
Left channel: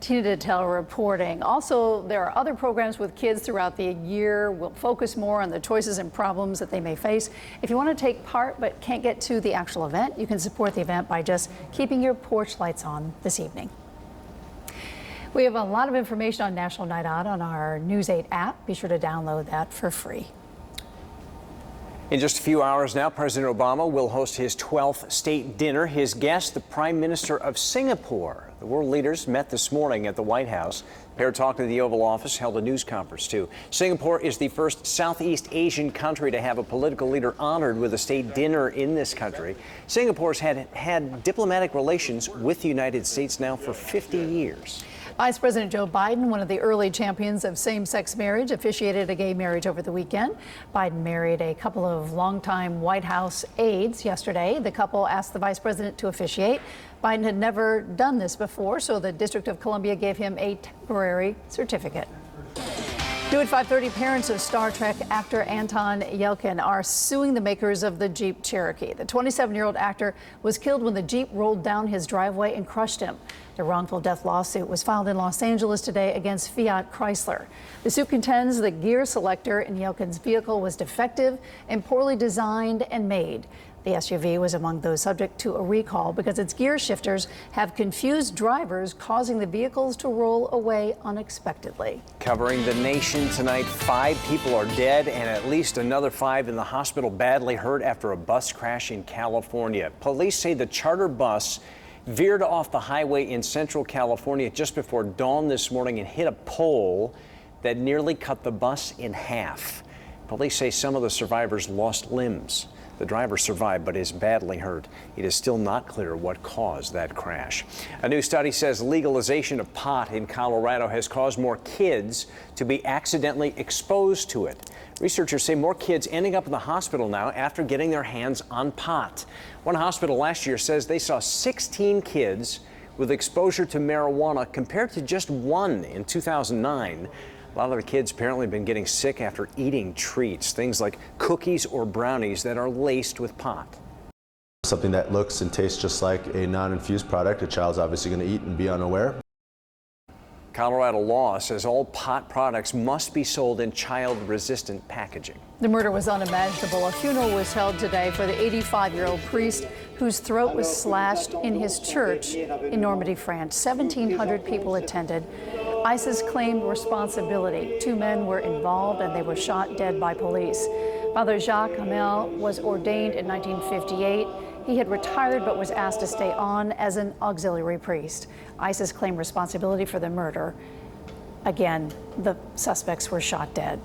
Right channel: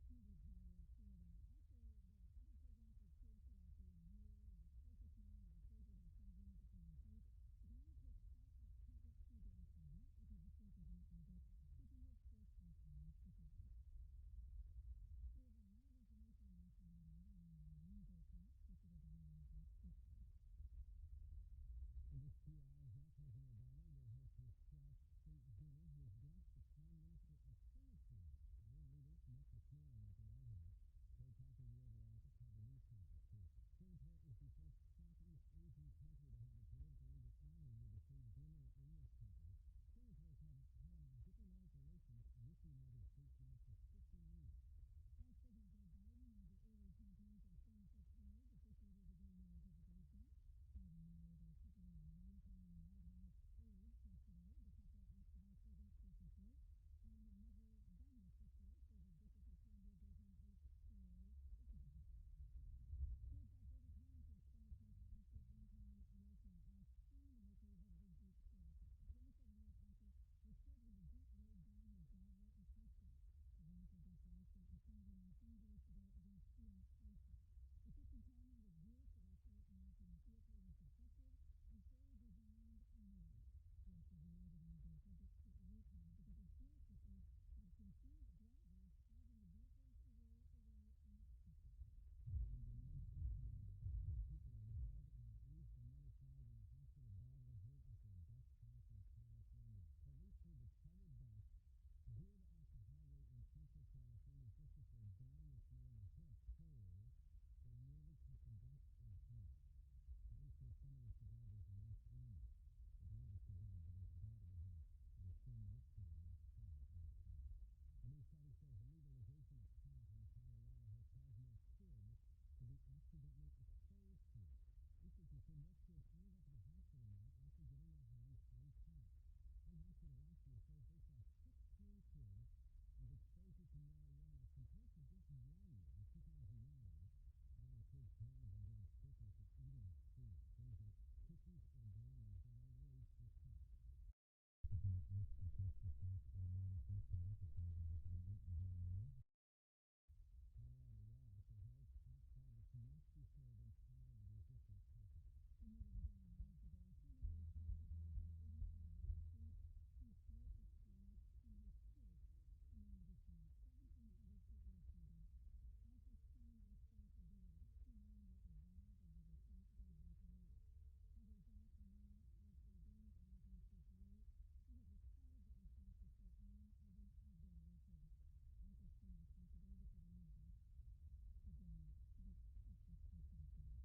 Tina Detel reporting. Also, there are other programs with kids throughout the year. We'll focus more on the choices and problems that they may face. If you want to take part but can't get to the actual event, you can support the event by just keeping your porch lights on this evening. We have a lot of information on National Night Out on our News 8 app. Be sure to download that for free. In just a few hours now, President Obama will host his 12th state dinner. His guest, the Prime Minister of Singapore. The world leaders met this morning at the White House. The pair talked in the Oval Office, held a news conference too. Singapore is the first Southeast Asian country to have a political leader honored with a state dinner in this country. Singapore's had diplomatic relations with the United States now for 50 years. Vice President Joe Biden, one of the early champions of same-sex marriage, officiated a gay marriage over the weekend. Biden married a couple of longtime White House aides yesterday. The couple asked the vice president to officiate. Biden had never done this before, so the District of Columbia gave him a temporary certificate. New at 5:30, parents of Star Trek actor Anton Yelchin are suing the makers of the Jeep Cherokee. The 27-year-old actor was killed when the Jeep rolled down his driveway and crushed him. The wrongful death lawsuit was filed in Los Angeles today against Fiat Chrysler. The suit contends the gear selector in Yelkin's vehicle was defective and poorly designed and made. The SUV was among those subject to a recall because its gear shifters have confused drivers, causing the vehicles to roll away unexpectedly. Covering the nation tonight, 5 people are dead and at least another 5 in the hospital badly hurt after a bus crash in California. Police say the charter bus veered off the highway in central California just before dawn this morning and hit a pole that nearly cut the bus in half. Police say some of the survivors lost limbs. The driver survived but is badly hurt. It is still not clear what caused that crash. A new study says legalization of pot in Colorado has caused more kids to be accidentally exposed to it. Researchers say more kids ending up in the hospital now after getting their hands on pot. One hospital last year says they saw 16 kids with exposure to marijuana compared to just 1 in 2009. A lot of the kids apparently have been getting sick after eating treats, things like cookies or brownies that are laced with pot. Something that looks and tastes just like a non-infused product, a child's obviously going to eat and be unaware. Colorado law says all pot products must be sold in child-resistant packaging. The murder was unimaginable. A funeral was held today for the 85-year-old priest whose throat was slashed in his church in Normandy, France. 1,700 people attended. ISIS claimed responsibility. 2 men were involved and they were shot dead by police. Father Jacques Hamel was ordained in 1958. He had retired but was asked to stay on as an auxiliary priest. ISIS claimed responsibility for the murder. Again, the suspects were shot dead.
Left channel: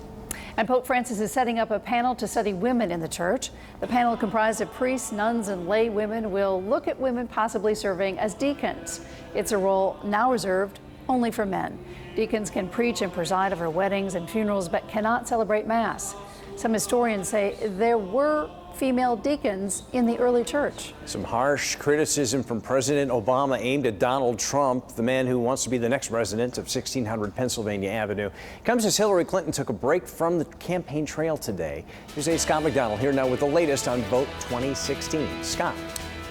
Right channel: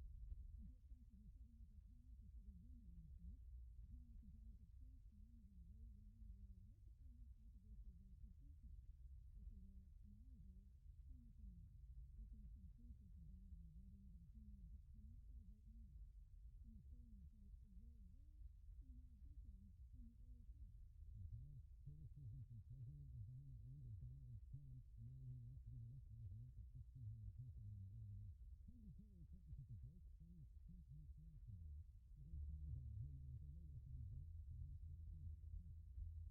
And Pope Francis is setting up a panel to study women in the church. The panel, comprised of priests, nuns, and lay women, will look at women possibly serving as deacons. It's a role now reserved only for men. Deacons can preach and preside over weddings and funerals, but cannot celebrate Mass. Some historians say there were female deacons in the early church. Some harsh criticism from President Obama aimed at Donald Trump, the man who wants to be the next president of 1600 Pennsylvania Avenue. Comes as Hillary Clinton took a break from the campaign trail today. Here's Scott McDonald here now with the latest on Vote 2016. Scott.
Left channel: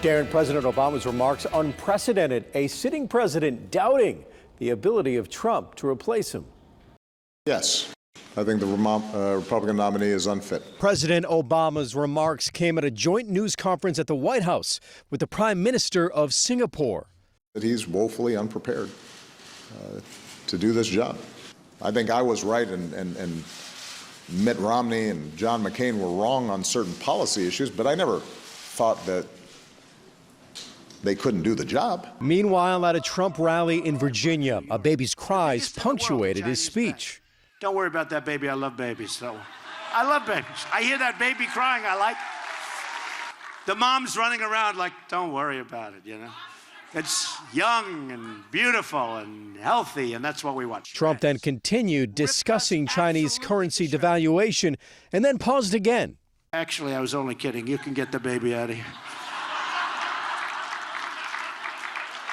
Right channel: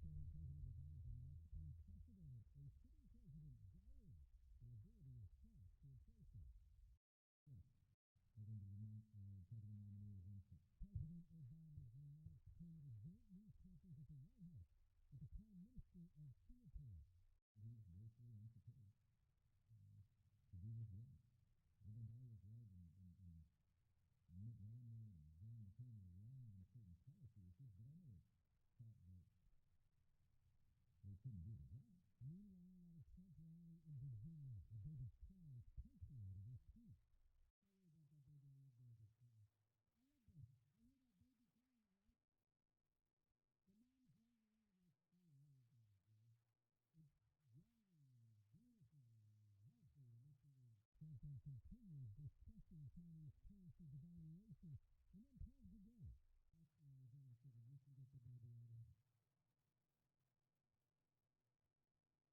Darren, President Obama's remarks unprecedented. A sitting president doubting the ability of Trump to replace him. Yes. I think the Republican nominee is unfit. President Obama's remarks came at a joint news conference at the White House with the Prime Minister of Singapore. That he's woefully unprepared to do this job. I think I was right and Mitt Romney and John McCain were wrong on certain policy issues, but I never thought that they couldn't do the job. Meanwhile, at a Trump rally in Virginia, a baby's cries punctuated his speech. Don't worry about that baby. I love babies. So I love babies. I hear that baby crying. I like the mom's running around like, don't worry about it, you know. It's young and beautiful and healthy, and that's what we want. Trump then continued discussing Chinese currency devaluation and then paused again. Actually, I was only kidding. You can get the baby out of here.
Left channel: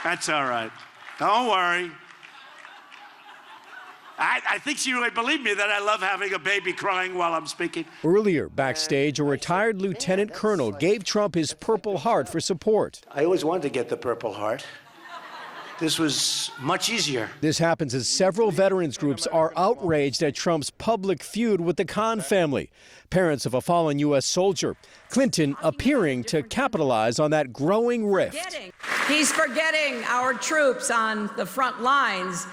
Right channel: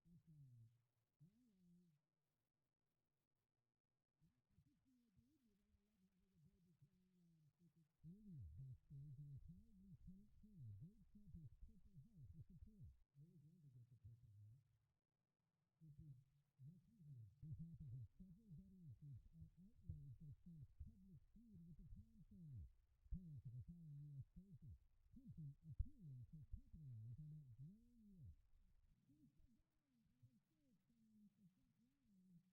That's all right. Don't worry. I think she would believe me that I love having a baby crying while I'm speaking. Earlier, backstage, a retired lieutenant colonel gave Trump his Purple Heart for support. I always wanted to get the Purple Heart. This was much easier. This happens as several veterans groups are outraged at Trump's public feud with the Khan family, parents of a fallen U.S. soldier. Clinton appearing to capitalize on that growing rift. He's forgetting our troops on the front lines.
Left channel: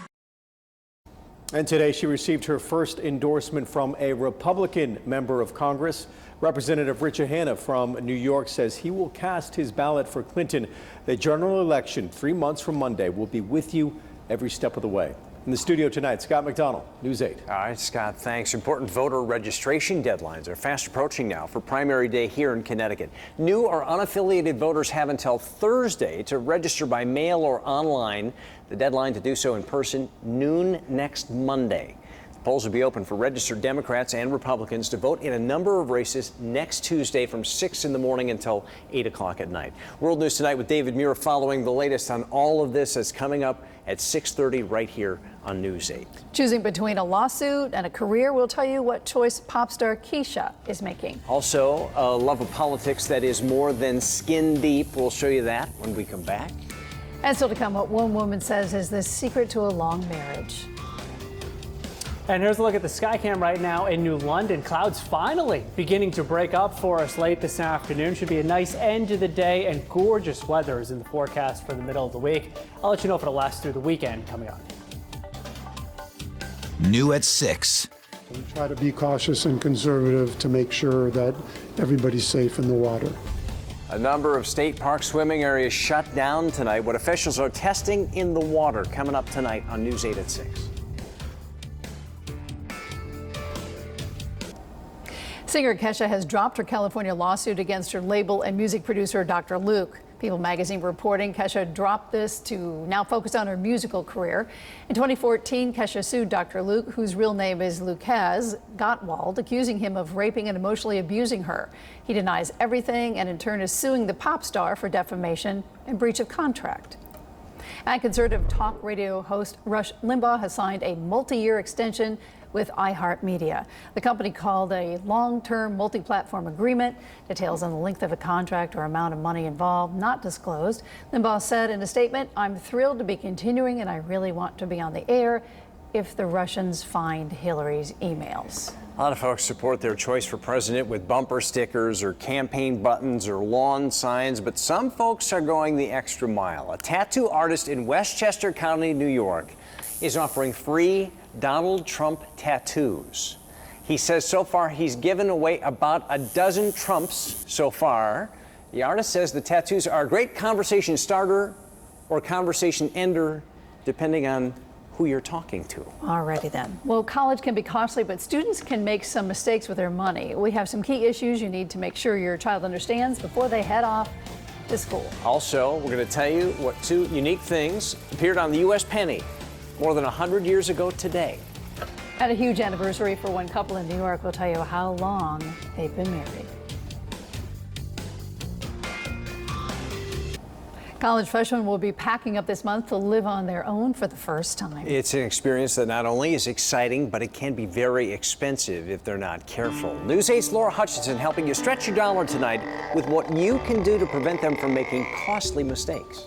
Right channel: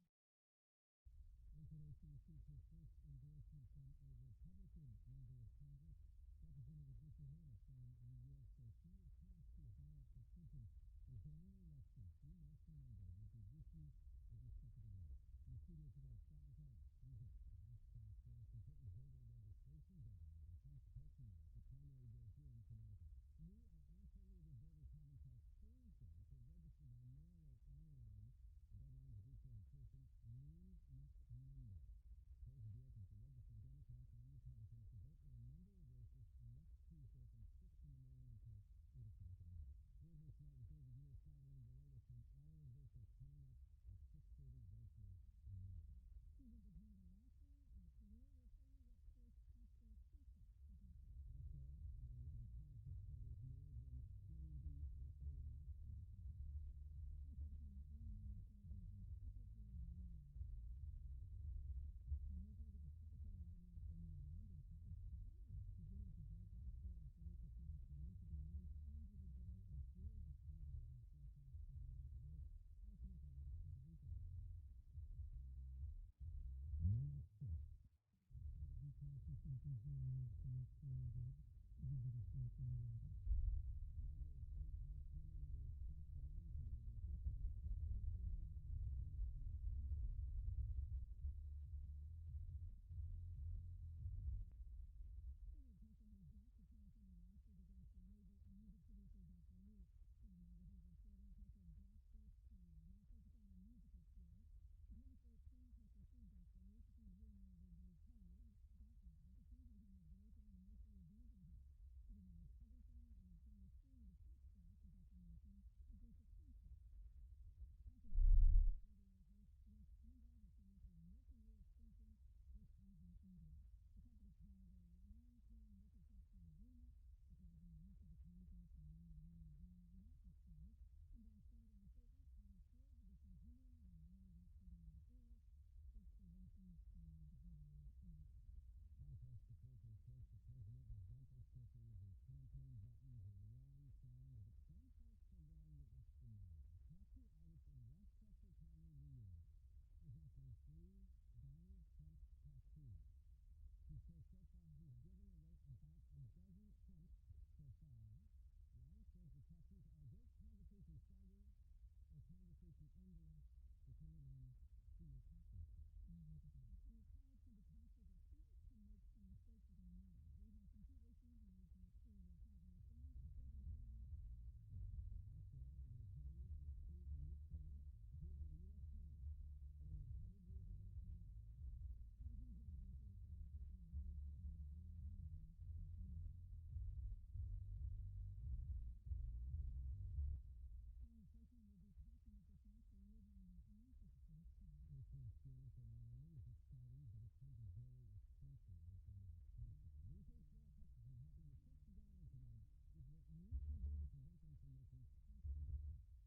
And today she received her first endorsement from a Republican member of Congress. Representative Richard Hanna from New York says he will cast his ballot for Clinton. The general election 3 months from Monday will be with you every step of the way. In the studio tonight, Scott McDonald, News 8. All right, Scott, thanks. Important voter registration deadlines are fast approaching now for primary day here in Connecticut. New or unaffiliated voters have until Thursday to register by mail or online. The deadline to do so in person, noon next Monday. The polls will be open for registered Democrats and Republicans to vote in a number of races next Tuesday from 6 in the morning until 8 o'clock at night. World News Tonight with David Muir following the latest on all of this is coming up at 6:30 right here on News 8. Choosing between a lawsuit and a career, we'll tell you what choice pop star Keisha is making. Also, a love of politics that is more than skin deep. We'll show you that when we come back. And still to come, what one woman says is the secret to a long marriage. And here's a look at the Skycam right now in New London. Clouds finally beginning to break up for us late this afternoon. Should be a nice end to the day, and gorgeous weather is in the forecast for the middle of the week. I'll let you know if it'll last through the weekend coming up. New at 6. We try to be cautious and conservative to make sure that everybody's safe in the water. A number of state park swimming areas shut down tonight. What officials are testing in the water coming up tonight on News 8 at 6. Singer Kesha has dropped her California lawsuit against her label and music producer, Dr. Luke. People magazine reporting Kesha dropped this to now focus on her musical career. In 2014, Kesha sued Dr. Luke, whose real name is Lucas Gottwald, accusing him of raping and emotionally abusing her. He denies everything and in turn is suing the pop star for defamation and breach of contract. And conservative talk radio host Rush Limbaugh has signed a multi-year extension with iHeartMedia. The company called a long-term multi-platform agreement. Details on the length of a contract or amount of money involved not disclosed. Limbaugh said in a statement, "I'm thrilled to be continuing and I really want to be on the air if the Russians find Hillary's emails." A lot of folks support their choice for president with bumper stickers or campaign buttons or lawn signs, but some folks are going the extra mile. A tattoo artist in Westchester County, New York, is offering free Donald Trump tattoos. He says so far he's given away about a dozen Trumps so far. The artist says the tattoos are a great conversation starter or conversation ender, depending on who you're talking to. Alrighty then. Well, college can be costly, but students can make some mistakes with their money. We have some key issues you need to make sure your child understands before they head off to school. Also, we're going to tell you what two unique things appeared on the U.S. penny more than 100 years ago today. At a huge anniversary for one couple in New York, we'll tell you how long they've been married. College freshmen will be packing up this month to live on their own for the first time. It's an experience that not only is exciting, but it can be very expensive if they're not careful. News 8's Laura Hutchinson helping you stretch your dollar tonight with what you can do to prevent them from making costly mistakes.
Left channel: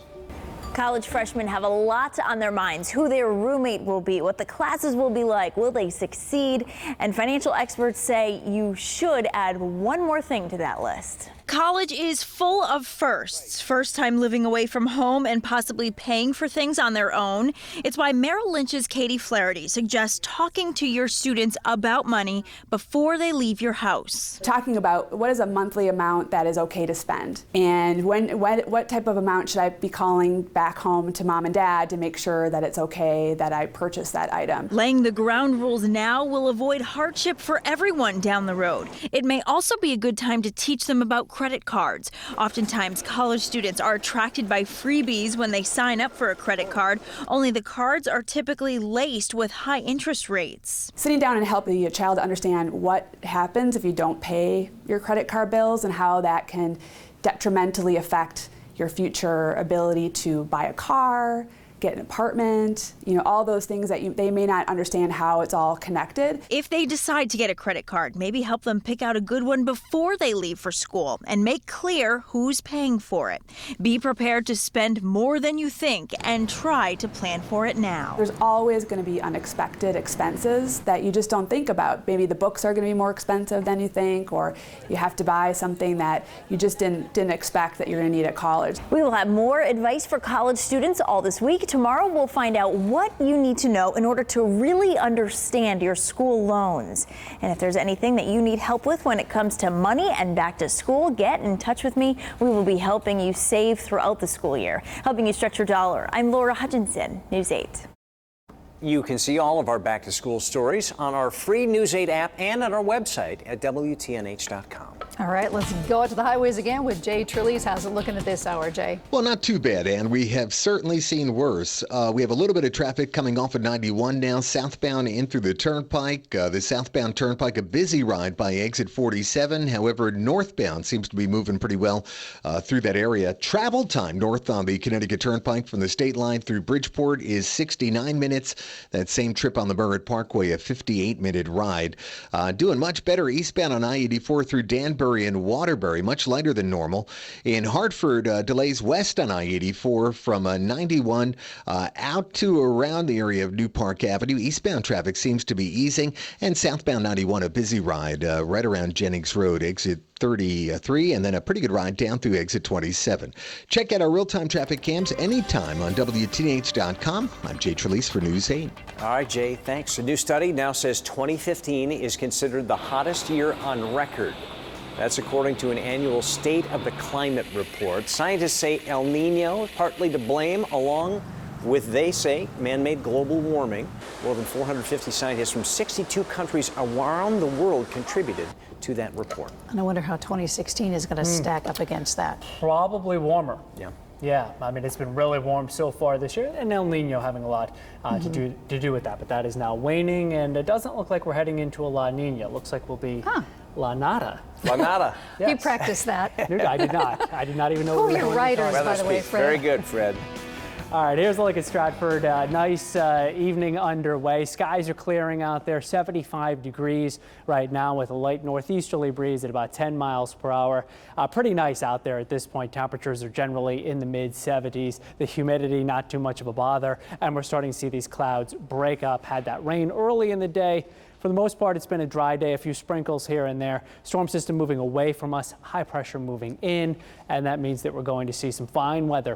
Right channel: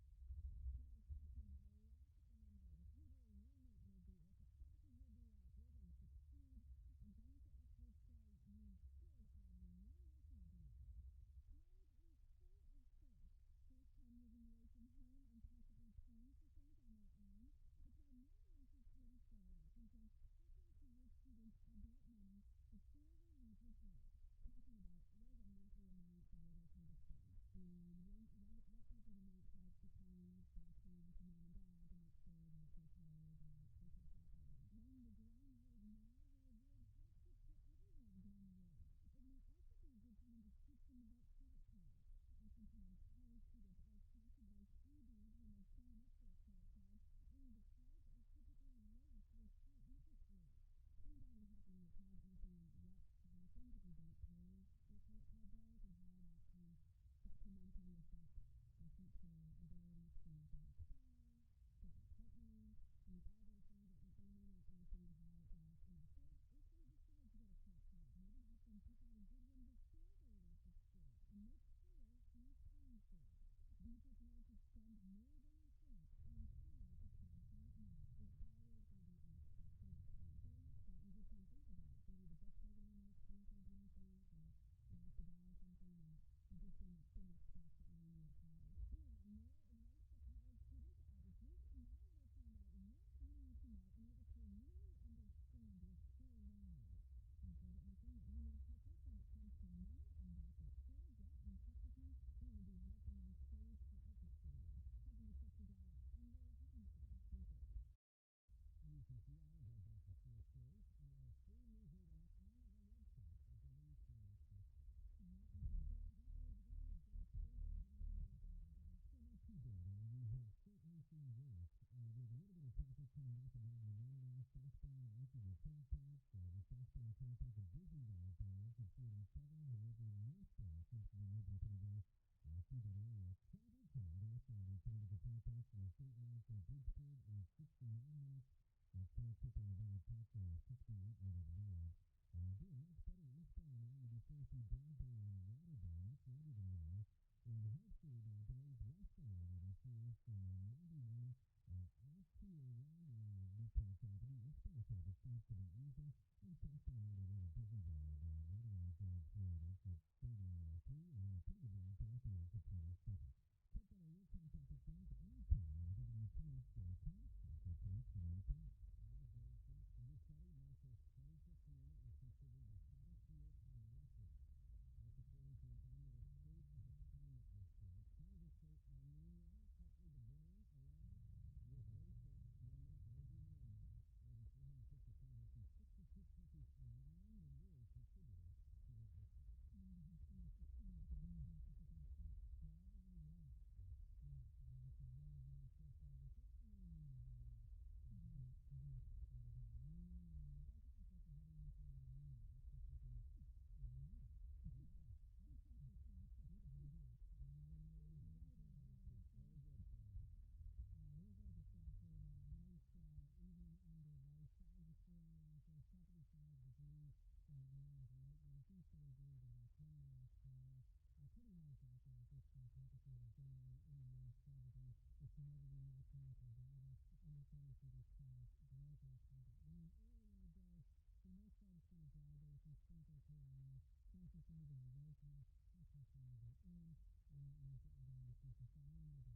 College freshmen have a lot on their minds: who their roommate will be, what the classes will be like, will they succeed? And financial experts say you should add one more thing to that list. College is full of firsts. First time living away from home and possibly paying for things on their own. It's why Merrill Lynch's Katie Flaherty suggests talking to your students about money before they leave your house. Talking about what is a monthly amount that is okay to spend, and what type of amount should I be calling back home to mom and dad to make sure that it's okay that I purchase that item. Laying the ground rules now will avoid hardship for everyone down the road. It may also be a good time to teach them about credit cards. Oftentimes, college students are attracted by freebies when they sign up for a credit card, only the cards are typically laced with high interest rates. Sitting down and helping your child understand what happens if you don't pay your credit card bills and how that can detrimentally affect your future ability to buy a car, get an apartment, all those things that they may not understand how it's all connected. If they decide to get a credit card, maybe help them pick out a good one before they leave for school and make clear who's paying for it. Be prepared to spend more than you think and try to plan for it now. There's always going to be unexpected expenses that you just don't think about. Maybe the books are going to be more expensive than you think, or you have to buy something that you just didn't expect that you're going to need at college. We will have more advice for college students all this week. Tomorrow we'll find out what you need to know in order to really understand your school loans. And if there's anything that you need help with when it comes to money and back to school, get in touch with me. We will be helping you save throughout the school year, helping you stretch your dollar. I'm Laura Hutchinson, News 8. You can see all of our back to school stories on our free News 8 app and on our website at WTNH.com. All right, let's go out to the highways again with Jay Trelease. How's it looking at this hour, Jay? Well, not too bad, and we have certainly seen worse. We have a little bit of traffic coming off of 91 now, southbound in through the Turnpike. The southbound Turnpike, a busy ride by exit 47. However, northbound seems to be moving pretty well through that area. Travel time north on the Connecticut Turnpike from the state line through Bridgeport is 69 minutes. That same trip on the Merritt Parkway, a 58-minute ride. Doing much better eastbound on I-84 through Danbury and Waterbury, much lighter than normal. In Hartford, delays west on I-84 from 91 out to around the area of New Park Avenue. Eastbound traffic seems to be easing, and southbound 91, a busy ride right around Jennings Road, exit 33, and then a pretty good ride down through exit 27. Check out our real-time traffic cams anytime on WTNH.com. I'm Jay Trelease for News 8. All right, Jay, thanks. A new study now says 2015 is considered the hottest year on record. That's according to an annual State of the Climate report. Scientists say El Nino is partly to blame, along with, they say, man-made global warming. More than 450 scientists from 62 countries around the world contributed to that report. And I wonder how 2016 is going to stack up against that. Probably warmer. Yeah. Yeah, I mean, it's been really warm so far this year, and El Nino having a lot to do with that. But that is now waning, and it doesn't look like we're heading into a La Nina. It looks like we'll be La Nada. La Nada. Yes. You practiced that. I did not. I did not even know. Who are your writers, by the way, Fred? Very good, Fred. All right, here's a look at Stratford. Nice evening underway. Skies are clearing out there, 75 degrees right now with a light northeasterly breeze at about 10 miles per hour. Pretty nice out there at this point. Temperatures are generally in the mid-70s. The humidity, not too much of a bother. And we're starting to see these clouds break up. Had that rain early in the day. For the most part, it's been a dry day, a few sprinkles here and there. Storm system moving away from us, high pressure moving in, and that means that we're going to see some fine weather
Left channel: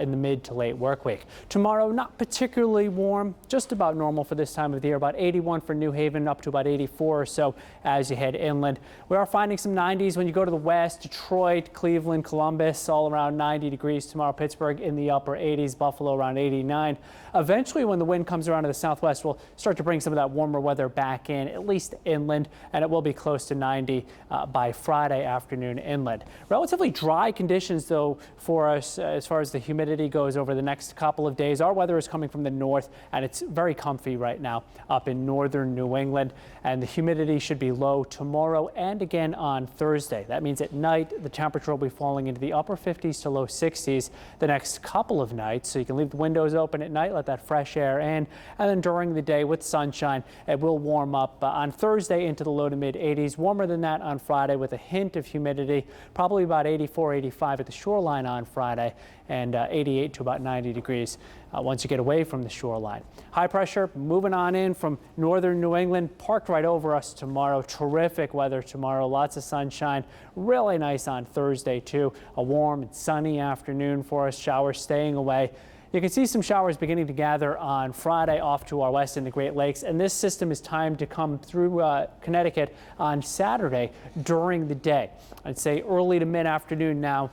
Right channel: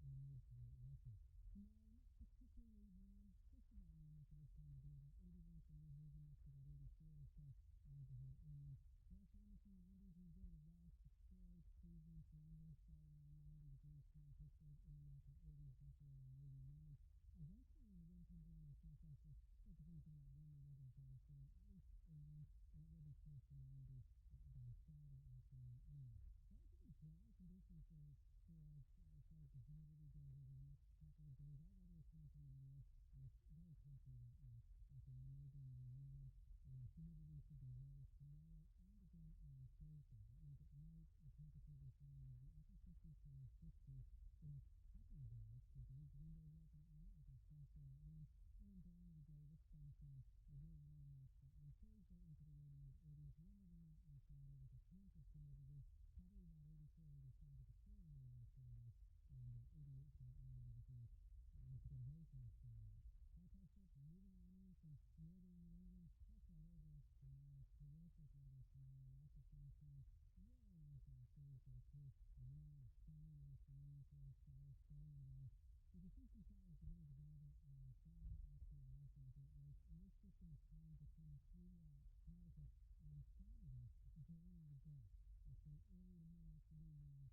in the mid to late work week. Tomorrow, not particularly warm, just about normal for this time of the year, about 81 for New Haven, up to about 84 or so as you head inland. We are finding some 90s when you go to the west, Detroit, Cleveland, Columbus, all around 90 degrees tomorrow. Pittsburgh in the upper 80s, Buffalo around 89. Eventually, when the wind comes around to the southwest, we'll start to bring some of that warmer weather back in, at least inland, and it will be close to 90 by Friday afternoon inland. Relatively dry conditions, though, for us as far as the humidity goes over the next couple of days. Our weather is coming from the north, and it's very comfy right now up in northern New England, and the humidity should be low tomorrow and again on Thursday. That means at night, the temperature will be falling into the upper 50s to low 60s the next couple of nights, so you can leave the windows open at night, let that fresh air in, and then during the day with sunshine, it will warm up on Thursday into the low to mid 80s. Warmer than that on Friday with a hint of humidity, probably about 84, 85 at the shoreline on Friday, and 88 to about 90 degrees once you get away from the shoreline. High pressure moving on in from northern New England, parked right over us tomorrow. Terrific weather tomorrow, lots of sunshine, really nice on Thursday too. A warm and sunny afternoon for us, showers staying away. You can see some showers beginning to gather on Friday off to our west in the Great Lakes, and this system is timed to come through Connecticut on Saturday during the day. I'd say early to mid-afternoon now.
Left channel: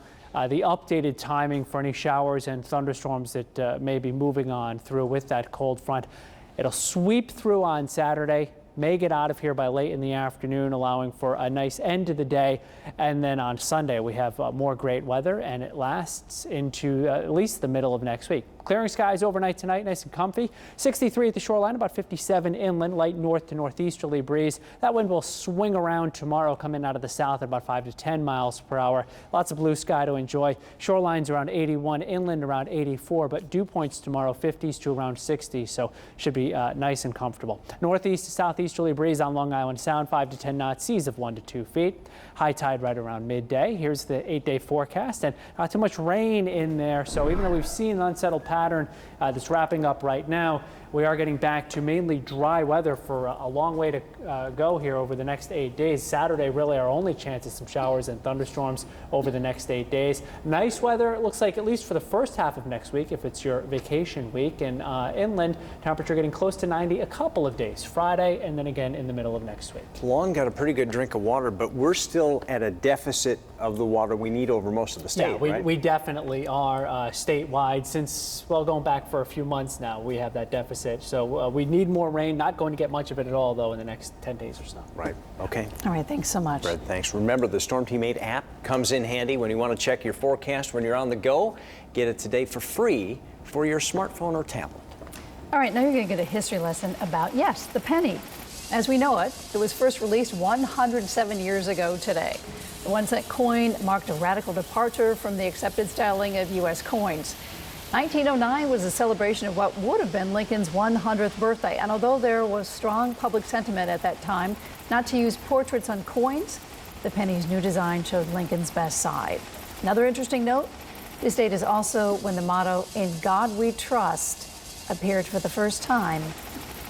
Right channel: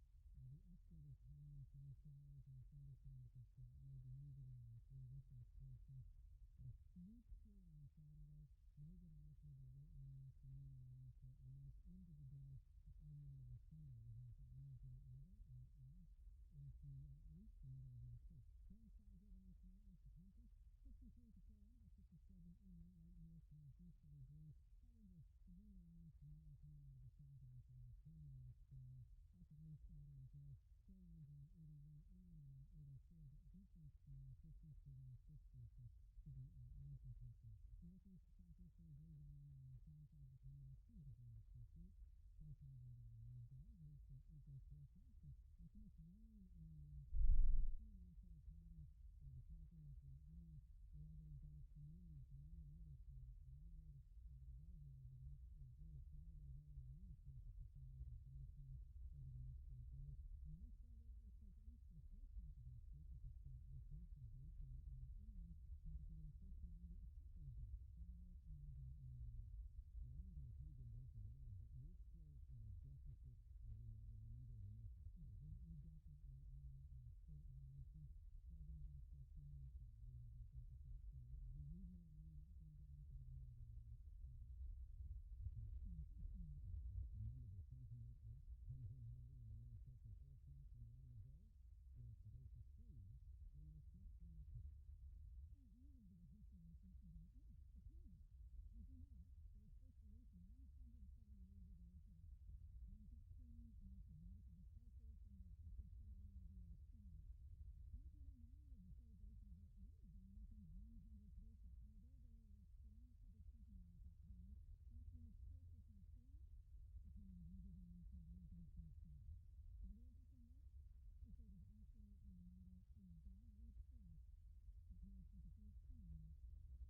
The updated timing for any showers and thunderstorms that may be moving on through with that cold front. It'll sweep through on Saturday, may get out of here by late in the afternoon, allowing for a nice end to the day. And then on Sunday, we have more great weather, and it lasts into at least the middle of next week. Clearing skies overnight tonight, nice and comfy. 63 at the shoreline, about 57 inland, light north to northeasterly breeze. That wind will swing around tomorrow, coming out of the south at about 5 to 10 miles per hour. Lots of blue sky to enjoy. Shorelines around 81, inland around 84, but dew points tomorrow 50s to around 60, so should be nice and comfortable. Northeast to southeasterly breeze on Long Island Sound, 5 to 10 knots, seas of 1 to 2 feet. High tide right around midday. Here's the 8-day forecast, and not too much rain in there, so even though we've seen an unsettled pattern that's wrapping up right now, we are getting back to mainly dry weather for a long way to go here over the next 8 days. Saturday, really our only chance of some showers and thunderstorms over the next 8 days. Nice weather, it looks like, at least for the first half of next week, if it's your vacation week. And inland, temperature getting close to 90 a couple of days, Friday and then again in the middle of next week. Long got a pretty good drink of water, but we're still at a deficit of the water we need over most of the state, yeah, right? we definitely are statewide since, well, going back for a few months now, we have that deficit deficit. So we need more rain. Not going to get much of it at all, though, in the next 10 days or so. Right. Okay. All right. Thanks so much. Fred, thanks. Remember, the Storm Team 8 app comes in handy when you want to check your forecast when you're on the go. Get it today for free for your smartphone or tablet. All right. Now you're going to get a history lesson about, yes, the penny. As we know it, it was first released 107 years ago today. The 1-cent coin marked a radical departure from the accepted styling of U.S. coins. 1909 was a celebration of what would have been Lincoln's 100th birthday. And although there was strong public sentiment at that time not to use portraits on coins, the penny's new design showed Lincoln's best side. Another interesting note, this date is also when the motto, "In God We Trust," appeared for the first time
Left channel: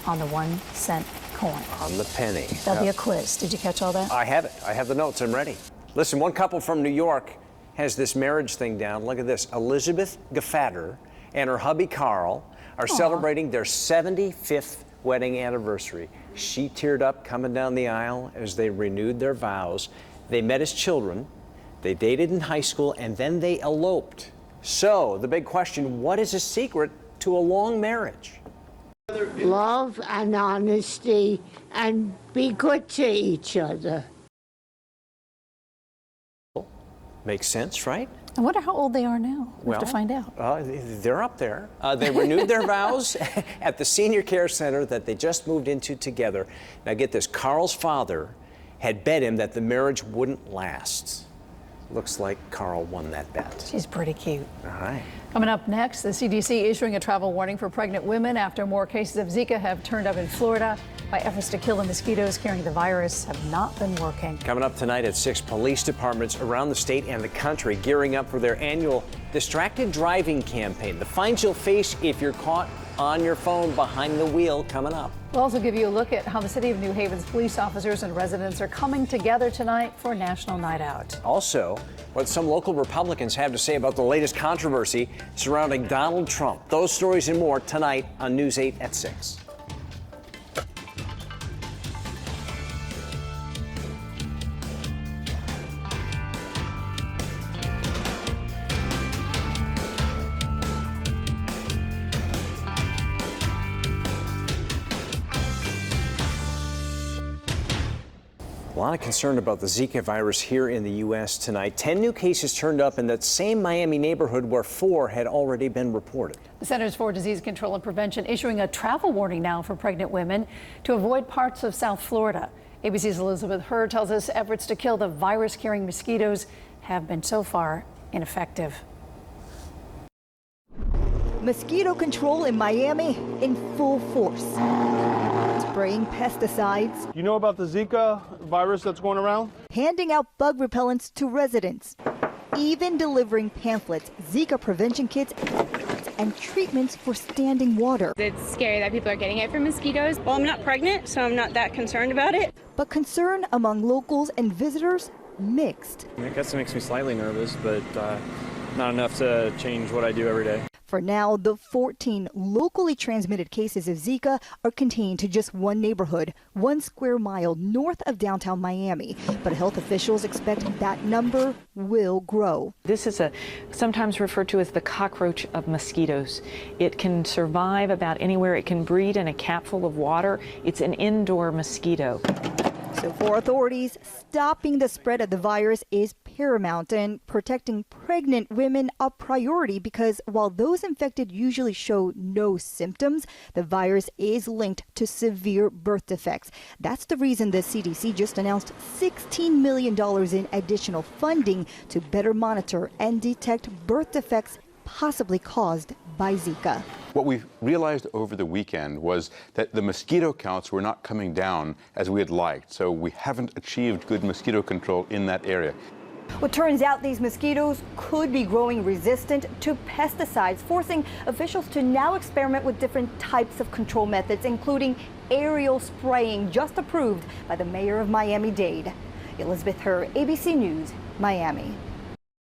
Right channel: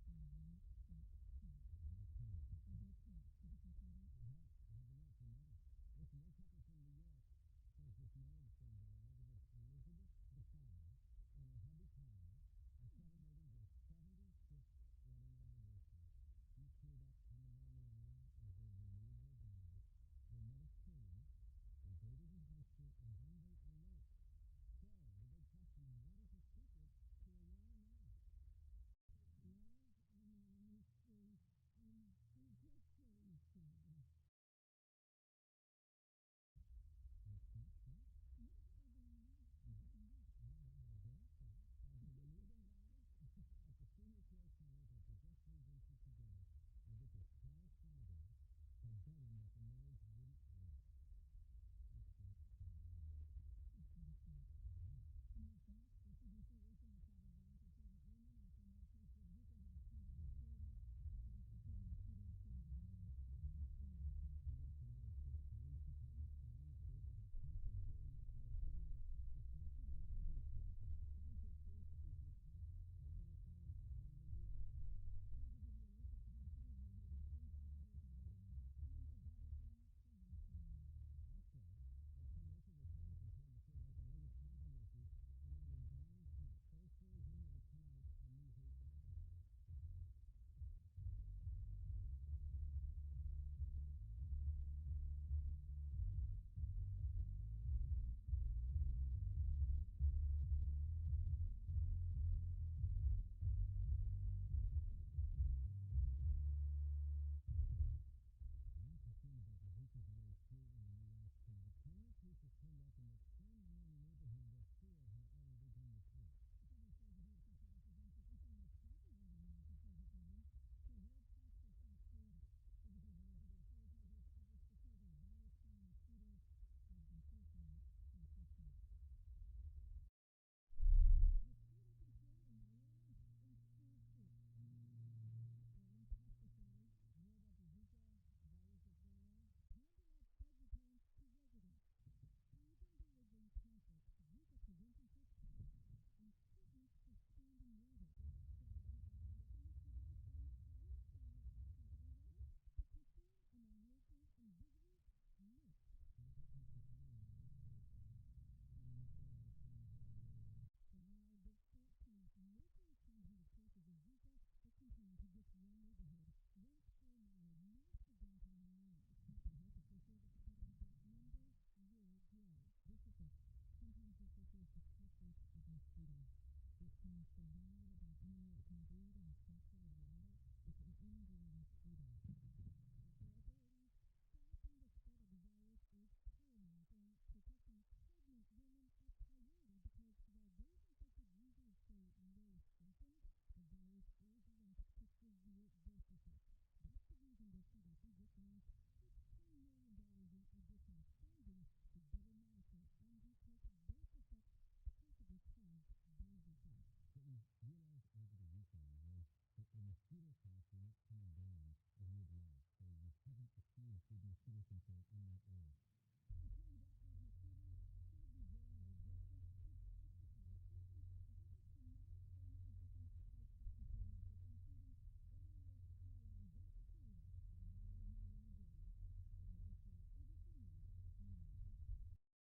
on the 1-cent coin. On the penny. There'll be a quiz. Did you catch all that? I have it. I have the notes. I'm ready. Listen, one couple from New York has this marriage thing down. Look at this. Elizabeth Gefatter and her hubby Carl are celebrating their 75th wedding anniversary. She teared up coming down the aisle as they renewed their vows. They met as children, they dated in high school, and then they eloped. So, the big question, what is a secret to a long marriage? Love and honesty and be good to each other. Makes sense, right? I wonder how old they are now. We have to find out. They're up there. They renewed their vows at the senior care center that they just moved into together. Now get this, Carl's father had bet him that the marriage wouldn't last. Looks like Carl won that bet. She's pretty cute. All right. Coming up next, the CDC issuing a travel warning for pregnant women after more cases of Zika have turned up in Florida. By efforts to kill the mosquitoes carrying the virus have not been working. Coming up tonight at 6, police departments around the state and the country gearing up for their annual distracted driving campaign. The fines you'll face if you're caught on your phone behind the wheel coming up. We'll also give you a look at how the city of New Haven's police officers and residents are coming together tonight for National Night Out. Also, what some local Republicans have to say about the latest controversy surrounding Donald Trump. Those stories and more tonight on News 8 at 6. A lot of concern about the Zika virus here in the U.S. tonight. 10 new cases turned up in that same Miami neighborhood where 4 had already been reported. The Centers for Disease Control and Prevention issuing a travel warning now for pregnant women to avoid parts of South Florida. ABC's Elizabeth Hurd tells us efforts to kill the virus-carrying mosquitoes have been so far ineffective. Mosquito control in Miami in full force. Spraying pesticides. You know about the Zika virus that's going around? Handing out bug repellents to residents. Even delivering pamphlets, Zika prevention kits, and treatments for standing water. It's scary that people are getting it from mosquitoes. Well, I'm not pregnant, so I'm not that concerned about it. But concern among locals and visitors mixed. I guess it makes me slightly nervous, but not enough to change what I do every day. For now, the 14 locally transmitted cases of Zika are contained to just one neighborhood, 1 square mile north of downtown Miami. But health officials expect that number will grow. This is sometimes referred to as the cockroach of mosquitoes. It can survive about anywhere. It can breed in a cap full of water. It's an indoor mosquito. So for authorities, stopping the spread of the virus is paramount, and protecting pregnant women a priority, because while those infected usually show no symptoms, the virus is linked to severe birth defects. That's the reason the CDC just announced $16 million in additional funding to better monitor and detect birth defects possibly caused by Zika. What we realized over the weekend was that the mosquito counts were not coming down as we had liked, so we haven't achieved good mosquito control in that area. Well, turns out these mosquitoes could be growing resistant to pesticides, forcing officials to now experiment with different types of control methods, including aerial spraying, just approved by the mayor of Miami-Dade. Elizabeth Hurd, ABC News, Miami.